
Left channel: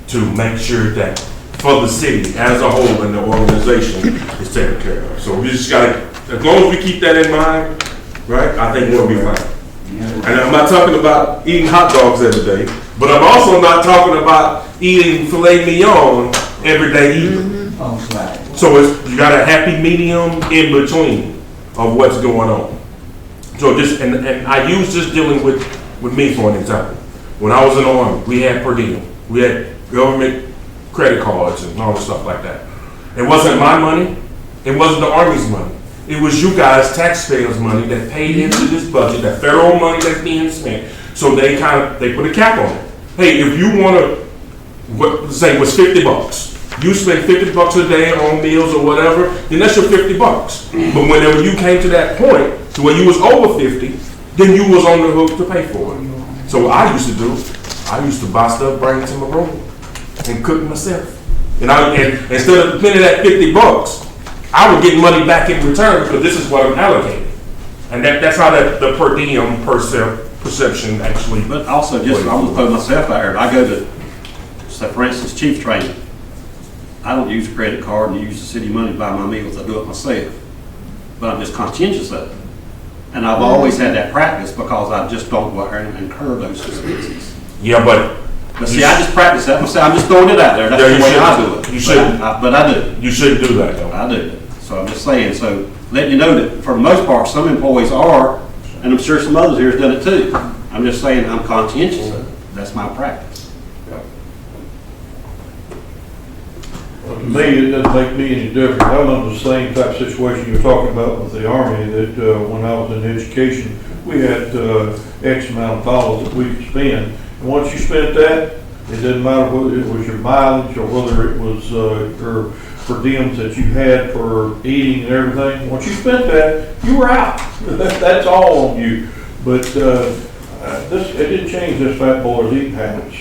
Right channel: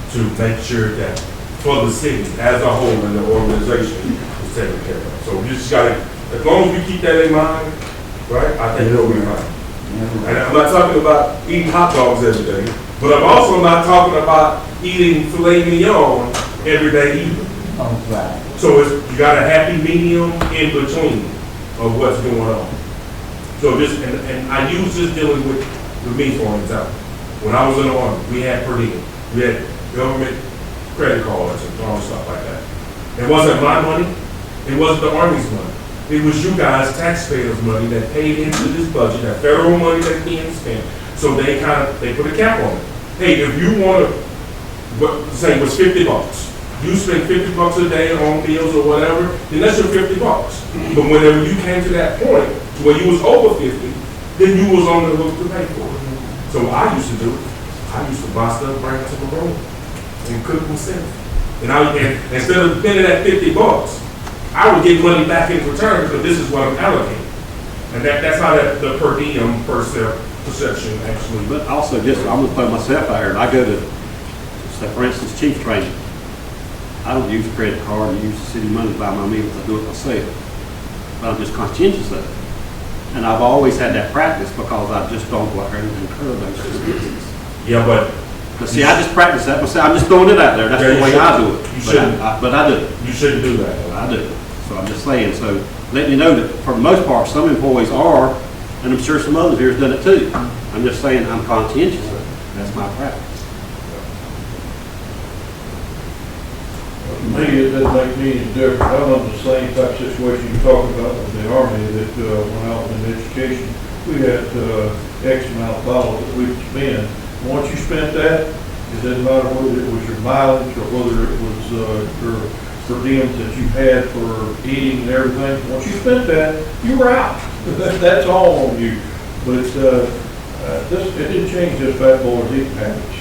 to make sure that for the city as a whole and the organization is taken care of. So we just got, as long as we keep that in mind, right, I think we'll be fine. And I'm not talking about eating hot dogs every day, but I'm also not talking about eating filet mignon every day either. Right. So you got a happy medium in between of what's going on. So just, and I use this dealing with me for an example. When I was in the Army, we had per diem. We had government credit cards and all the stuff like that. It wasn't my money. It wasn't the Army's money. It was you guys, taxpayers' money that paid into this budget, that federal money that's being spent. So they put a cap on it. Hey, if you want to, say it was $50, you spend $50 a day on meals or whatever, then that's your $50. But whenever you came to that point to where you was over 50, then you was on the hook to pay for it. So what I used to buy stuff, bring it to my room, and cook it myself. And instead of spending that $50, I would get money back in return because this is what I'm allocating. And that's how the per diem perception actually. But also, just, I'm gonna throw myself out here, and I go to, say, for instance, chief training. I don't use a credit card and use the city money to buy my meals, I do it myself. But I'm just conscientious of it. And I've always had that practice because I just don't go out there and incur those expenses. Yeah, but see, I just practice that myself. I'm just throwing it out there. That's the way I do it. You shouldn't. But I do. You shouldn't do that, though. I do. So I'm just saying, so letting you know that for the most part, some employees are, and I'm sure some others here has done it too. I'm just saying I'm conscientious of it. That's my practice. To me, it doesn't make me any different. I'm in the same type of situation you're talking about with the Army, that when I was in education, we had X amount of dollars that we could spend. And once you spent that, it doesn't matter whether it was your mileage or whether it was your per diems that you had for eating and everything. Once you spent that, you were out. That's all on you. But it didn't change this fat boy's eating habits.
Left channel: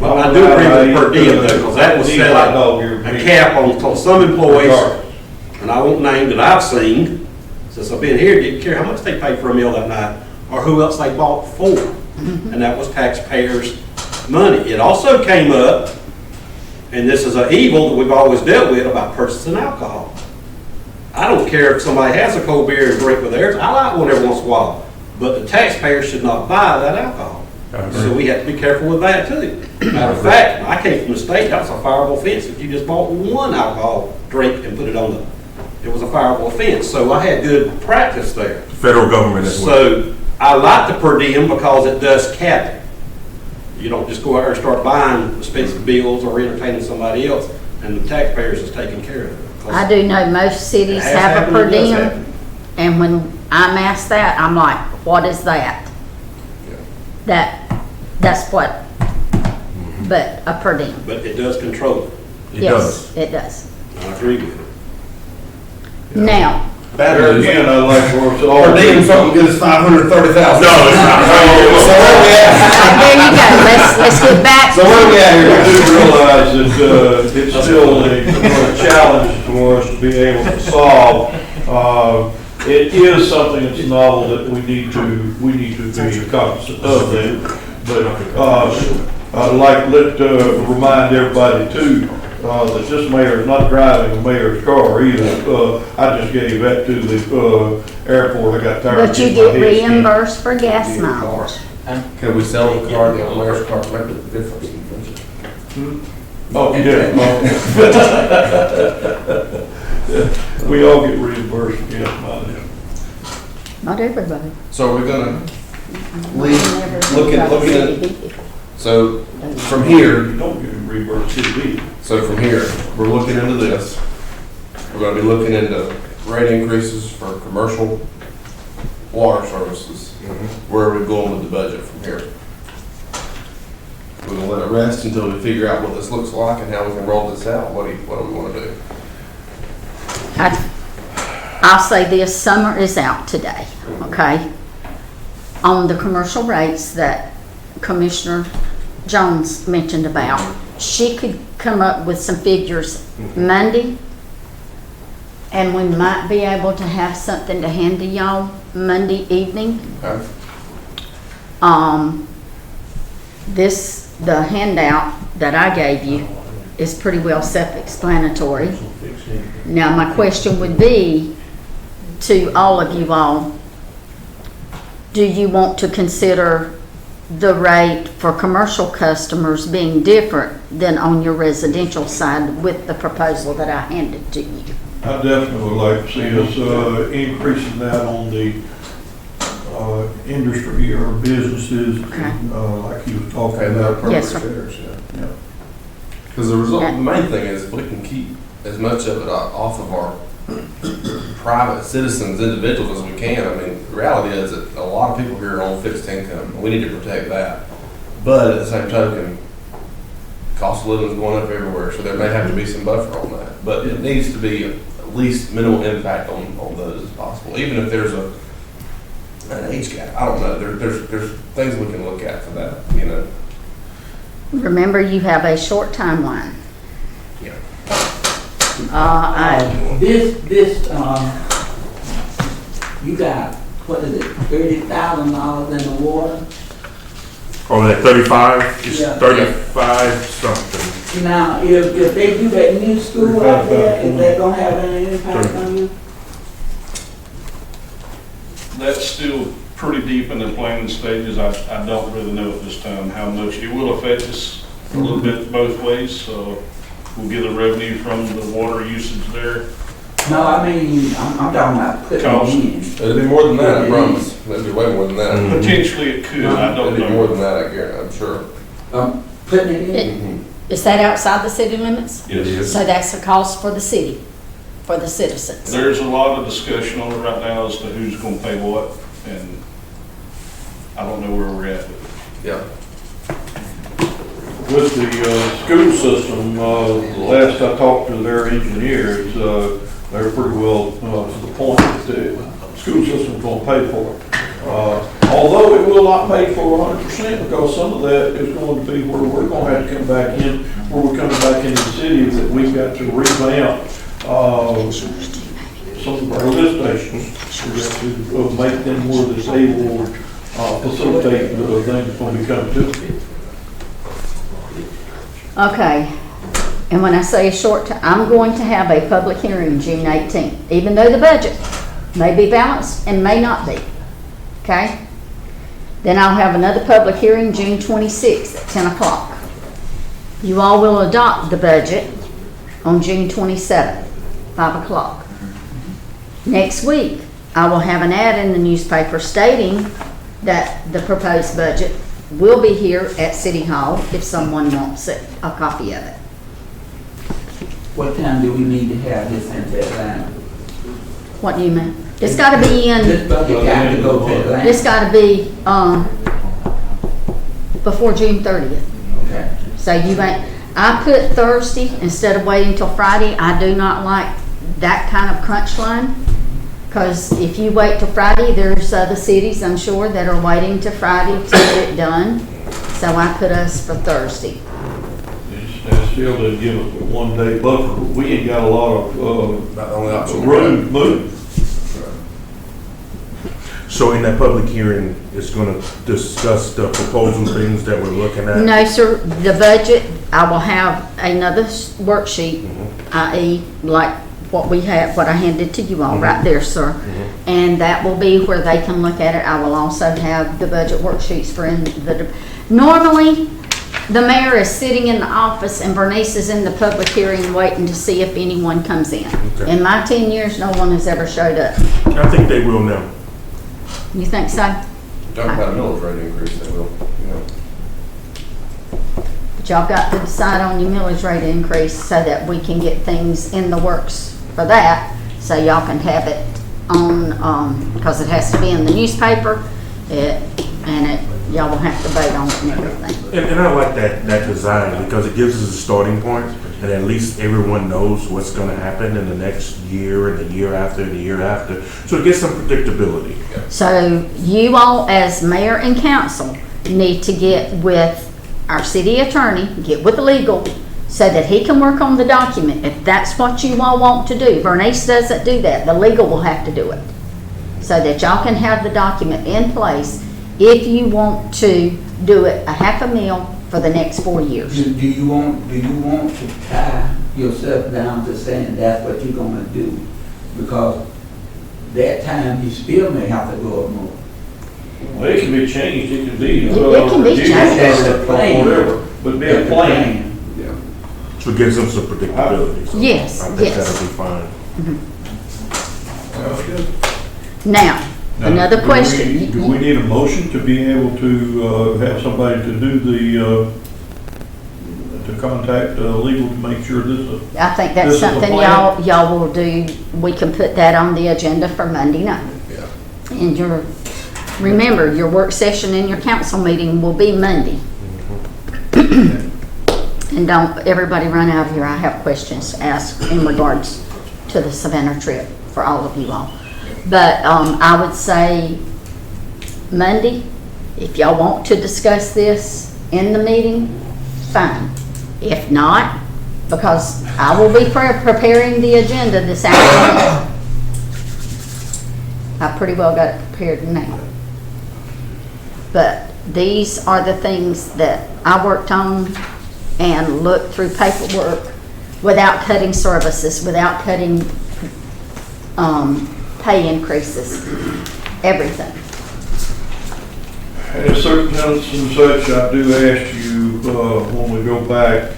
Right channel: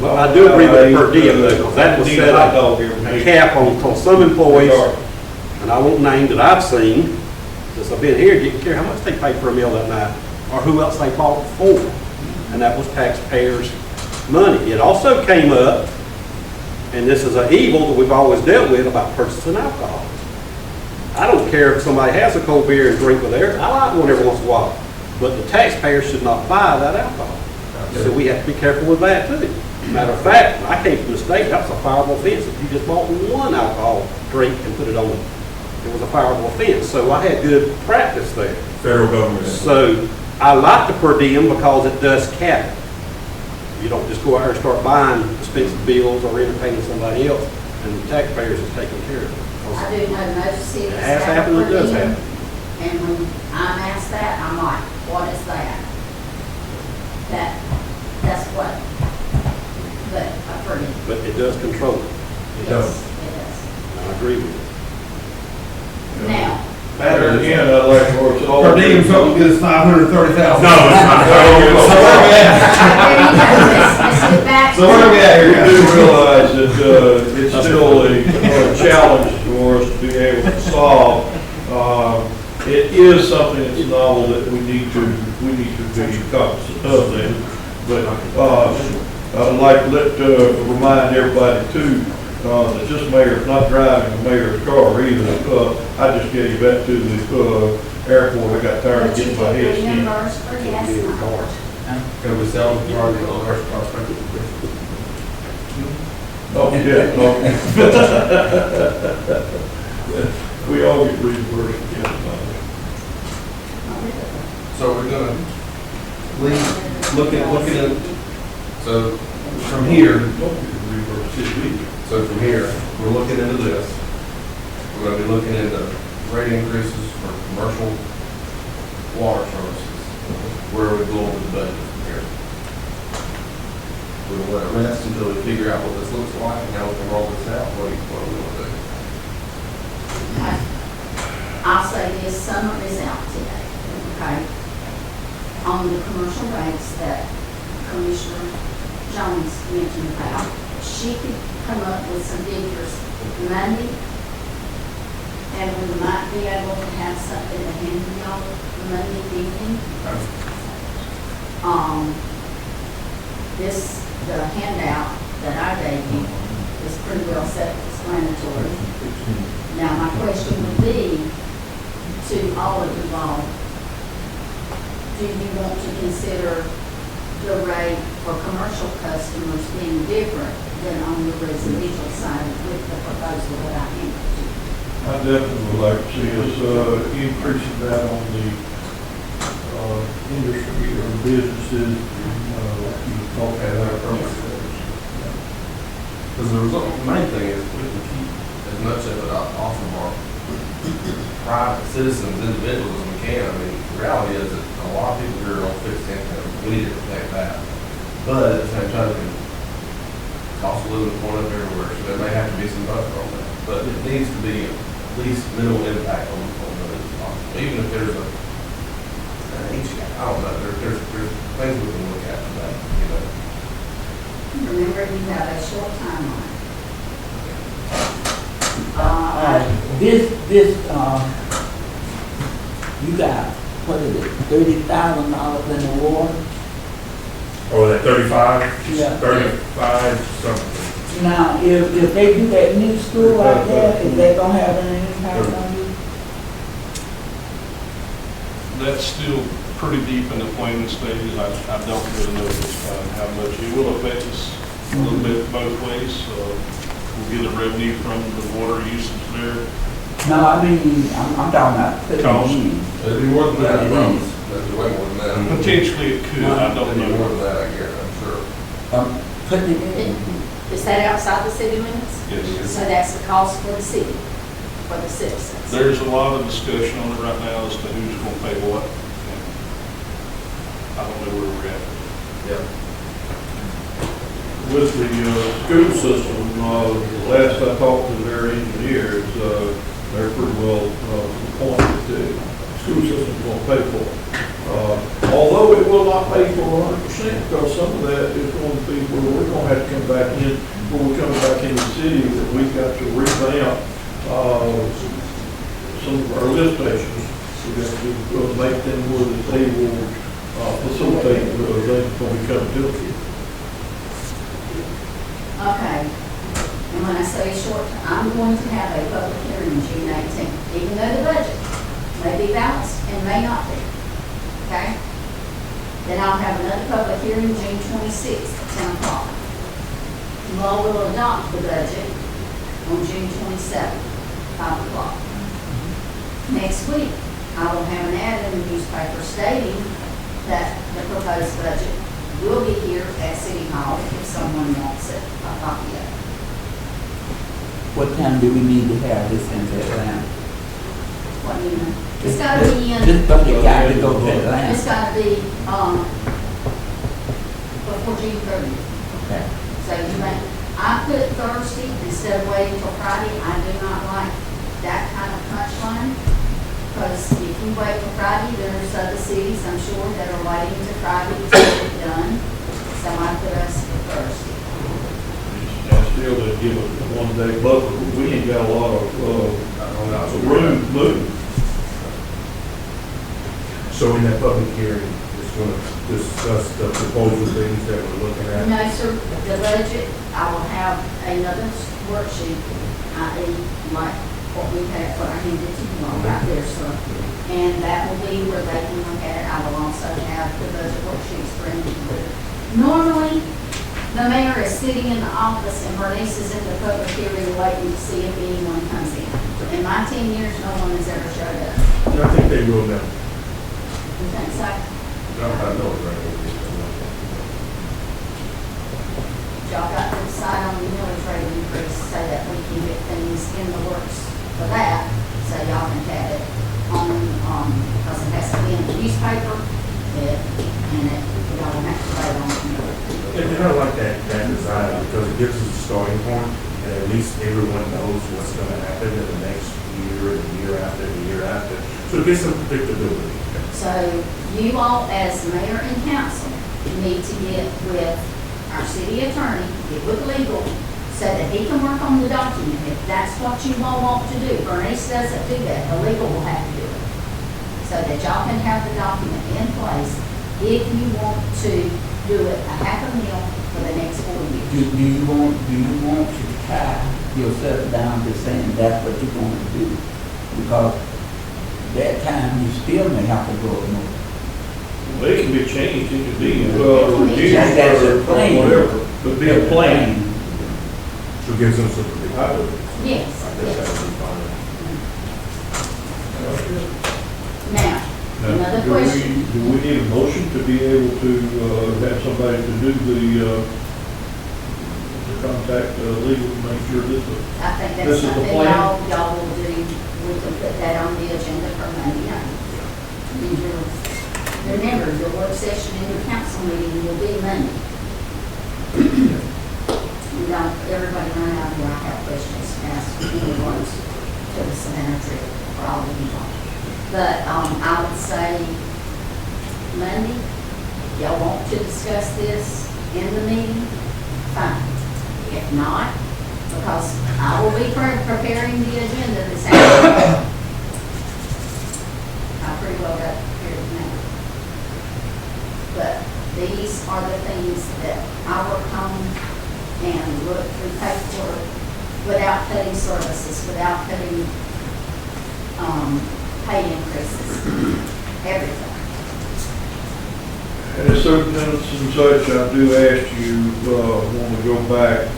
Well, I do agree with per diem because that was set up a cap on some employees, and I won't name that I've seen since I've been here, didn't care how much they paid for a meal that night or who else they bought for. And that was taxpayers' money. It also came up, and this is an evil that we've always dealt with, about purchasing alcohol. I don't care if somebody has a cold beer and drink with theirs. I like one every once in a while. But the taxpayer should not buy that alcohol. So we have to be careful with that too. Matter of fact, when I came from the state, that was a fireable offense. If you just bought one alcohol drink and put it on it was a fireable offense. So I had good practice there. Federal government as well. So I like the per diem because it does cap it. You don't just go out there and start buying expensive bills or entertaining somebody else, and the taxpayers is taking care of it. I do know most cities It has have a happened, per it does diem, happen. and when I'm asked that, I'm like, what is that? That's what, but a per diem. But it does control it. Yes, it does. I agree with it. Now, There again, I'd like for us all. Per diem, something good as $530,000. No, it's not. there you go, let's get back. So where are we at We here? do realize that it's still a challenge for us to be able to solve. It is something that's novel that we need to be cognizant of that. But I'd like to remind everybody too, that this mayor is not driving the mayor's car either. I just get him back to the airport. I got tired of But you getting my get head skinned. reimbursed for gas miles. Can we sell the car, the mayor's car, make a difference? Oh, yeah. We all get reimbursed for gas mileage. Not everybody. So we're gonna looking at, so from here, Don't get reimbursed too either. so from here, we're looking into this. We're gonna be looking into rate increases for commercial water services. Where are we going with the budget from here? we're gonna let it rest until we figure out what this looks like and how we can roll this out. What do we wanna do? I'll say this, summer is out today, okay? On the commercial rates that Commissioner Jones mentioned about, she could come up with some figures Monday, and we might be able to have something to hand to y'all Monday evening. Okay. The handout that I gave you is pretty well self-explanatory. Now, my question would be to all of you all, do you want to consider the rate for commercial customers being different than on your residential side with the proposal that I handed to you? I definitely would like to see us increasing that on the industry or businesses, like you were talking about. Yes, sir. Because the result, the main thing is if we can keep as much of it off of our private citizens, individuals as we can. I mean, the reality is that a lot of people here are on fixed income. We need to protect that. But at the same token, cost of living is going up everywhere, so there may have to be some buffer on that. But it needs to be at least minimal impact on those as possible. Even if there's an age gap, I don't know. There's things we can look at for that, you know. Remember, you have a short timeline. You got, what is it, $30,000 in the water? Or that 35, it's Yeah. 35 something. Now, if they do that new school out there, is that gonna have any impact on you? That's still pretty deep in the planning stages. I don't really know at this time how much it will affect us a little bit both ways. We'll get the revenue from the water usage there. No, I mean, I'm talking about putting Cost. it in. It'll be more than that, I promise. It'll be way more than that. Potentially it could, I It'll don't be more know. than that, I guarantee, I'm sure. Putting it in. Mhm. Is that outside the city limits? Yes. So that's a cost for the city, for the citizens. There's a lot of discussion on it right now as to who's gonna pay what, and I don't know where we're at. Yeah. With the school system, the last I talked to their engineers, they're pretty well to the point that the school system's going to pay for it. Although it will not pay for 100%, because some of that is going to be where we're going to have to come back in, where we're coming back into the city, that we've got to revamp some of our lift stations. We've got to make them where they will facilitate the things when we come to it. Okay, and when I say a short time, I'm going to have a public hearing June 18th, even though the budget may be balanced and may not be, okay? Then I'll have another public hearing June 26th at 10 o'clock. You all will adopt the budget on June 27th, 5 o'clock. Next week, I will have an ad in the newspaper stating that the proposed budget will be here at City Hall if someone wants it, a copy of it. What time do we need to have this in Atlanta? What do you mean? It's gotta be in, This budget got to go to Atlanta. it's gotta be, before June 30th. Okay. So you ain't, I put Thursday instead of waiting till Friday. I do not like that kind of crunch line. Because if you wait till Friday, there's other cities, I'm sure, that are waiting till Friday to get it done. So I put us for Thursday. They still didn't give us a 1 day buffer, but we ain't got a lot of room to move. So in that public hearing, it's going to discuss the proposal things that we're looking at? No, sir, the budget, I will have another worksheet, i.e. like what we have, what I handed to you all, right there, sir. And that will be where they can look at it. I will also have the budget worksheets for normally, the mayor is sitting in the office and Bernice is in the public hearing waiting to see if anyone comes in. Okay. In my 10 years, no one has ever showed up. I think they will now. You think so? Talking about a millage rate increase, they will. Y'all got to decide on your millage rate increase so that we can get things in the works for that, so y'all can have it on, because it has to be in the newspaper, y'all will have to vote on it and everything. And I like that design because it gives us a starting point, and at least everyone knows what's gonna happen in the next year, and the year after, and the year after. So it gets some predictability. So you all, as mayor and council, need to get with our city attorney, get with the legal, so that he can work on the document. If that's what you all want to do, Bernice doesn't do that, the legal will have to do it. So that y'all can have the document in place if you want to do it a $500,000 for the next 4 years. Do you want to tie yourself down to saying that's what you're gonna do? Because that time you still may have to go up more. Well, it can be changed, it can be, It can be reduced changed. or whatever, but be a plan. So it gives them some predictability. So Yes, I think yes. that'll be fine. Now, Now, another question. Do we need a motion to be able to, have somebody to do the, to contact, legal to make sure this is? I think This that's is the something plan? y'all will do. We can put that on the agenda for Monday night. And remember, your work session and your council meeting will be Monday. And don't everybody run out of here. I have questions to ask in regards to the Savannah trip for all of you all. But I would say Monday, if y'all want to discuss this in the meeting, fine. If not, because I will be preparing the agenda this afternoon. I pretty well got it prepared now. But these are the things that I worked on and looked through paperwork without cutting services, without cutting pay increases, everything. And at certain times and such, I do ask you, when we go back,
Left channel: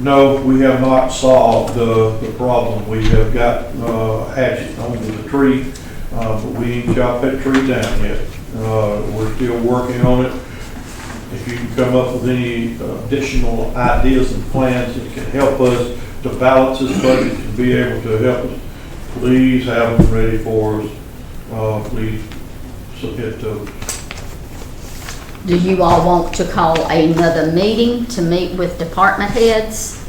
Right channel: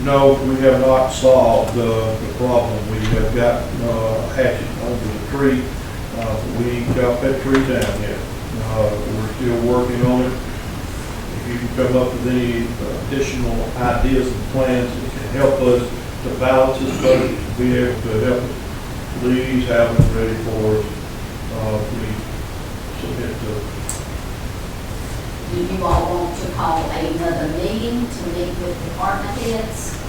no, we have not solved the problem. We have got, hatchet under the tree, but we ain't got that tree down yet. We're still working on it. If you can come up with any additional ideas and plans that can help us to balance this budget, to be able to help us, please have them ready for us. Please submit to us. Do you all want to call another meeting to meet with department heads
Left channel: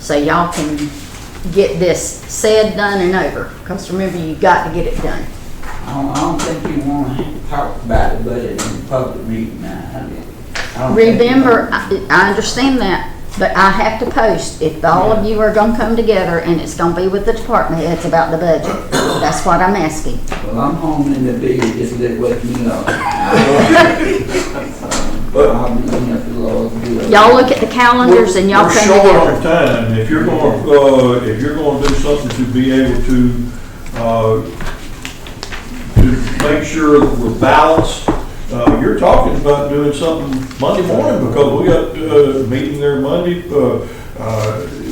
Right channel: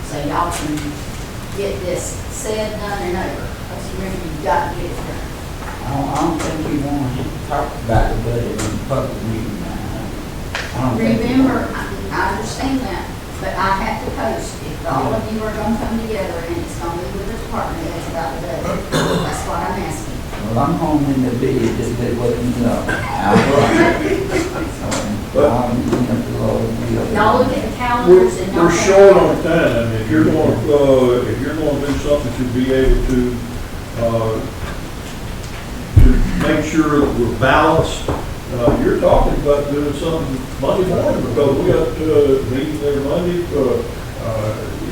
so y'all can get this said, done, and over? Because remember, you've got to get it done. I don't think you want to talk about the budget in public meeting now. I don't think- Remember, I understand that, but I have to post. If all of you are going to come together and it's going to be with the department heads about the budget, that's what I'm asking. Well, I'm home in the bed, just let what you know. I'll be looking up the Lord's will. Y'all look at the calendars and y'all We're come short together. on time. If you're going to do something to be able to make sure that we're balanced, you're talking about doing something Monday morning because we got a meeting there Monday.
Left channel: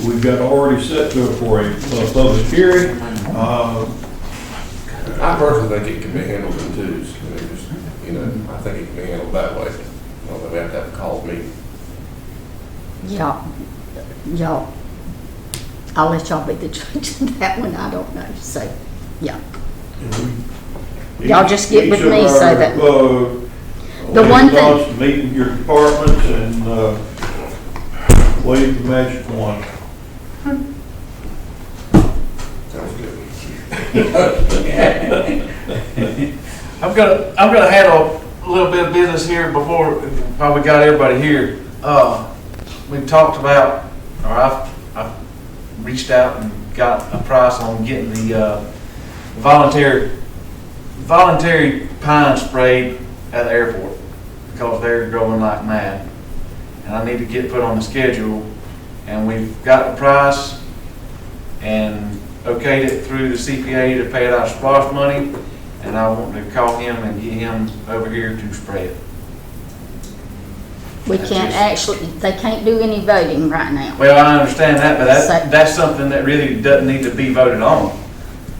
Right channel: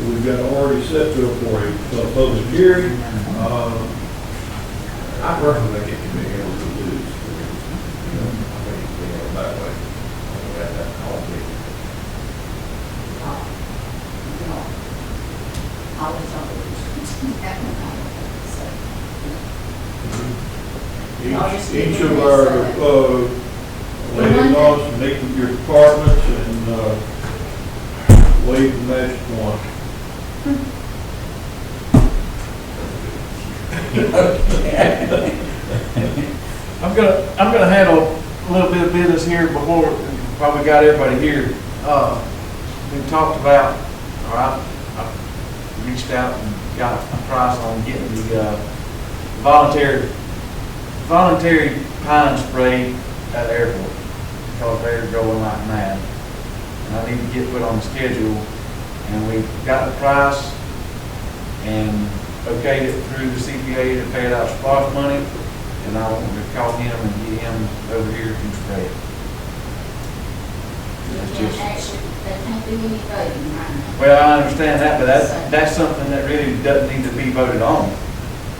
We've got already set for a public hearing. I personally think it can be handled in twos. You know, I think it can be handled that way. I don't think we have to have a call meeting. Y'all, I'll let y'all be the judge of that one. I don't know. So, yeah. Y'all just get with Each of me so our, that- The one thing- liaisons meet with your departments and wave the magic wand. I'm gonna handle a little bit of business here before we got everybody here. We talked about, or I've reached out and got a price on getting the voluntary pine sprayed at the airport because they're growing like mad. And I need to get put on the schedule, and we've got the price and okayed it through the CPA to pay it out of SPOS money, and I want to call him and get him over here to spray it. We can't actually, they can't do any voting right now. Well, I understand that, but that's something that really doesn't need to be voted on,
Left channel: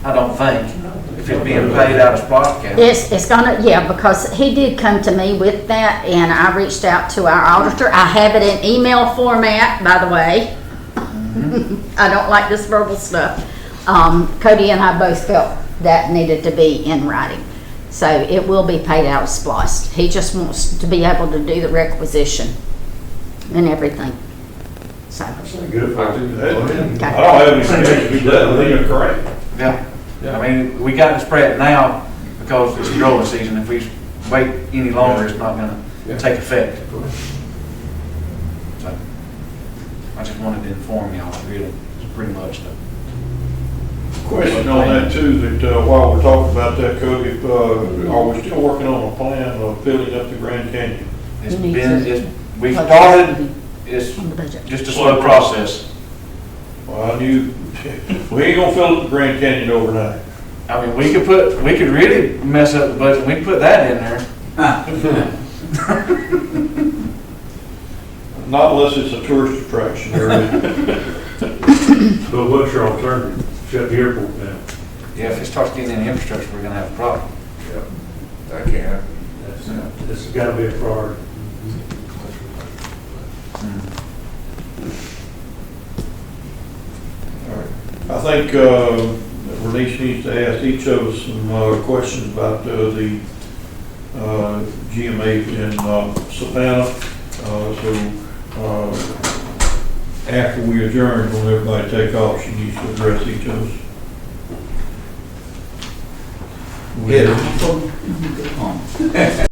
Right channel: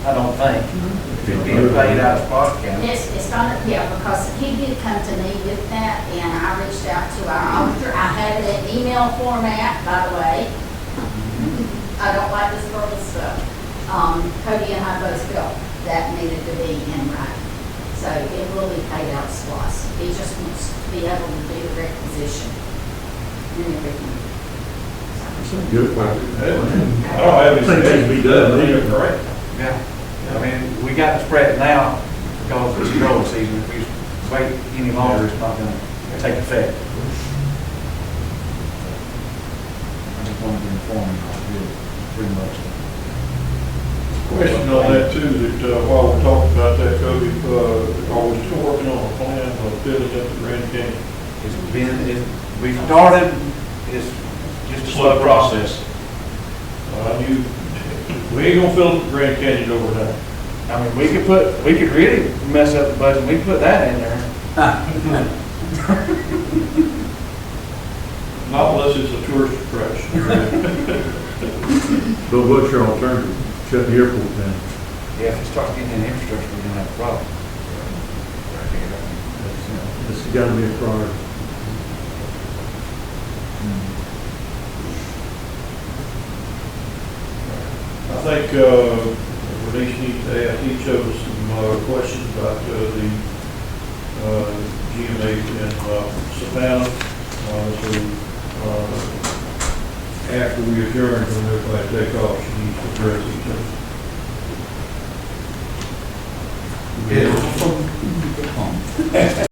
I don't think, if it's being paid out of SPOS account. It's gonna, yeah, because he did come to me with that, and I reached out to our auditor. I have it in email format, by the way. I don't like this verbal stuff. Cody and I both felt that needed to be in writing. So it will be paid out of SPOS. He just wants to be able to do the requisition and everything. So, Good. I okay. don't have any suggestions, but I think it's great. Yeah, I mean, we got to spread it now because it's growing season. If we wait any longer, it's not gonna take effect. I just wanted to inform y'all, really, pretty much. Question on that too, that while we're talking about that, Cody, are we still working on a plan of filling up the Grand Canyon? It's been, we started, it's just a slow process. Well, I knew, we ain't gonna fill up the Grand Canyon overnight. I mean, we could really mess up the budget, we can put that in there. Not unless it's a tourist attraction area. So what's your alternative? Shut the airport down? Yeah, if it starts getting in infrastructure, we're gonna have a problem. That can't happen. It's gotta be a priority. I think Bernice needs to ask each of us some questions about the GMA in Savannah. So after we adjourn, when everybody take off, she needs to address each of us. Yeah,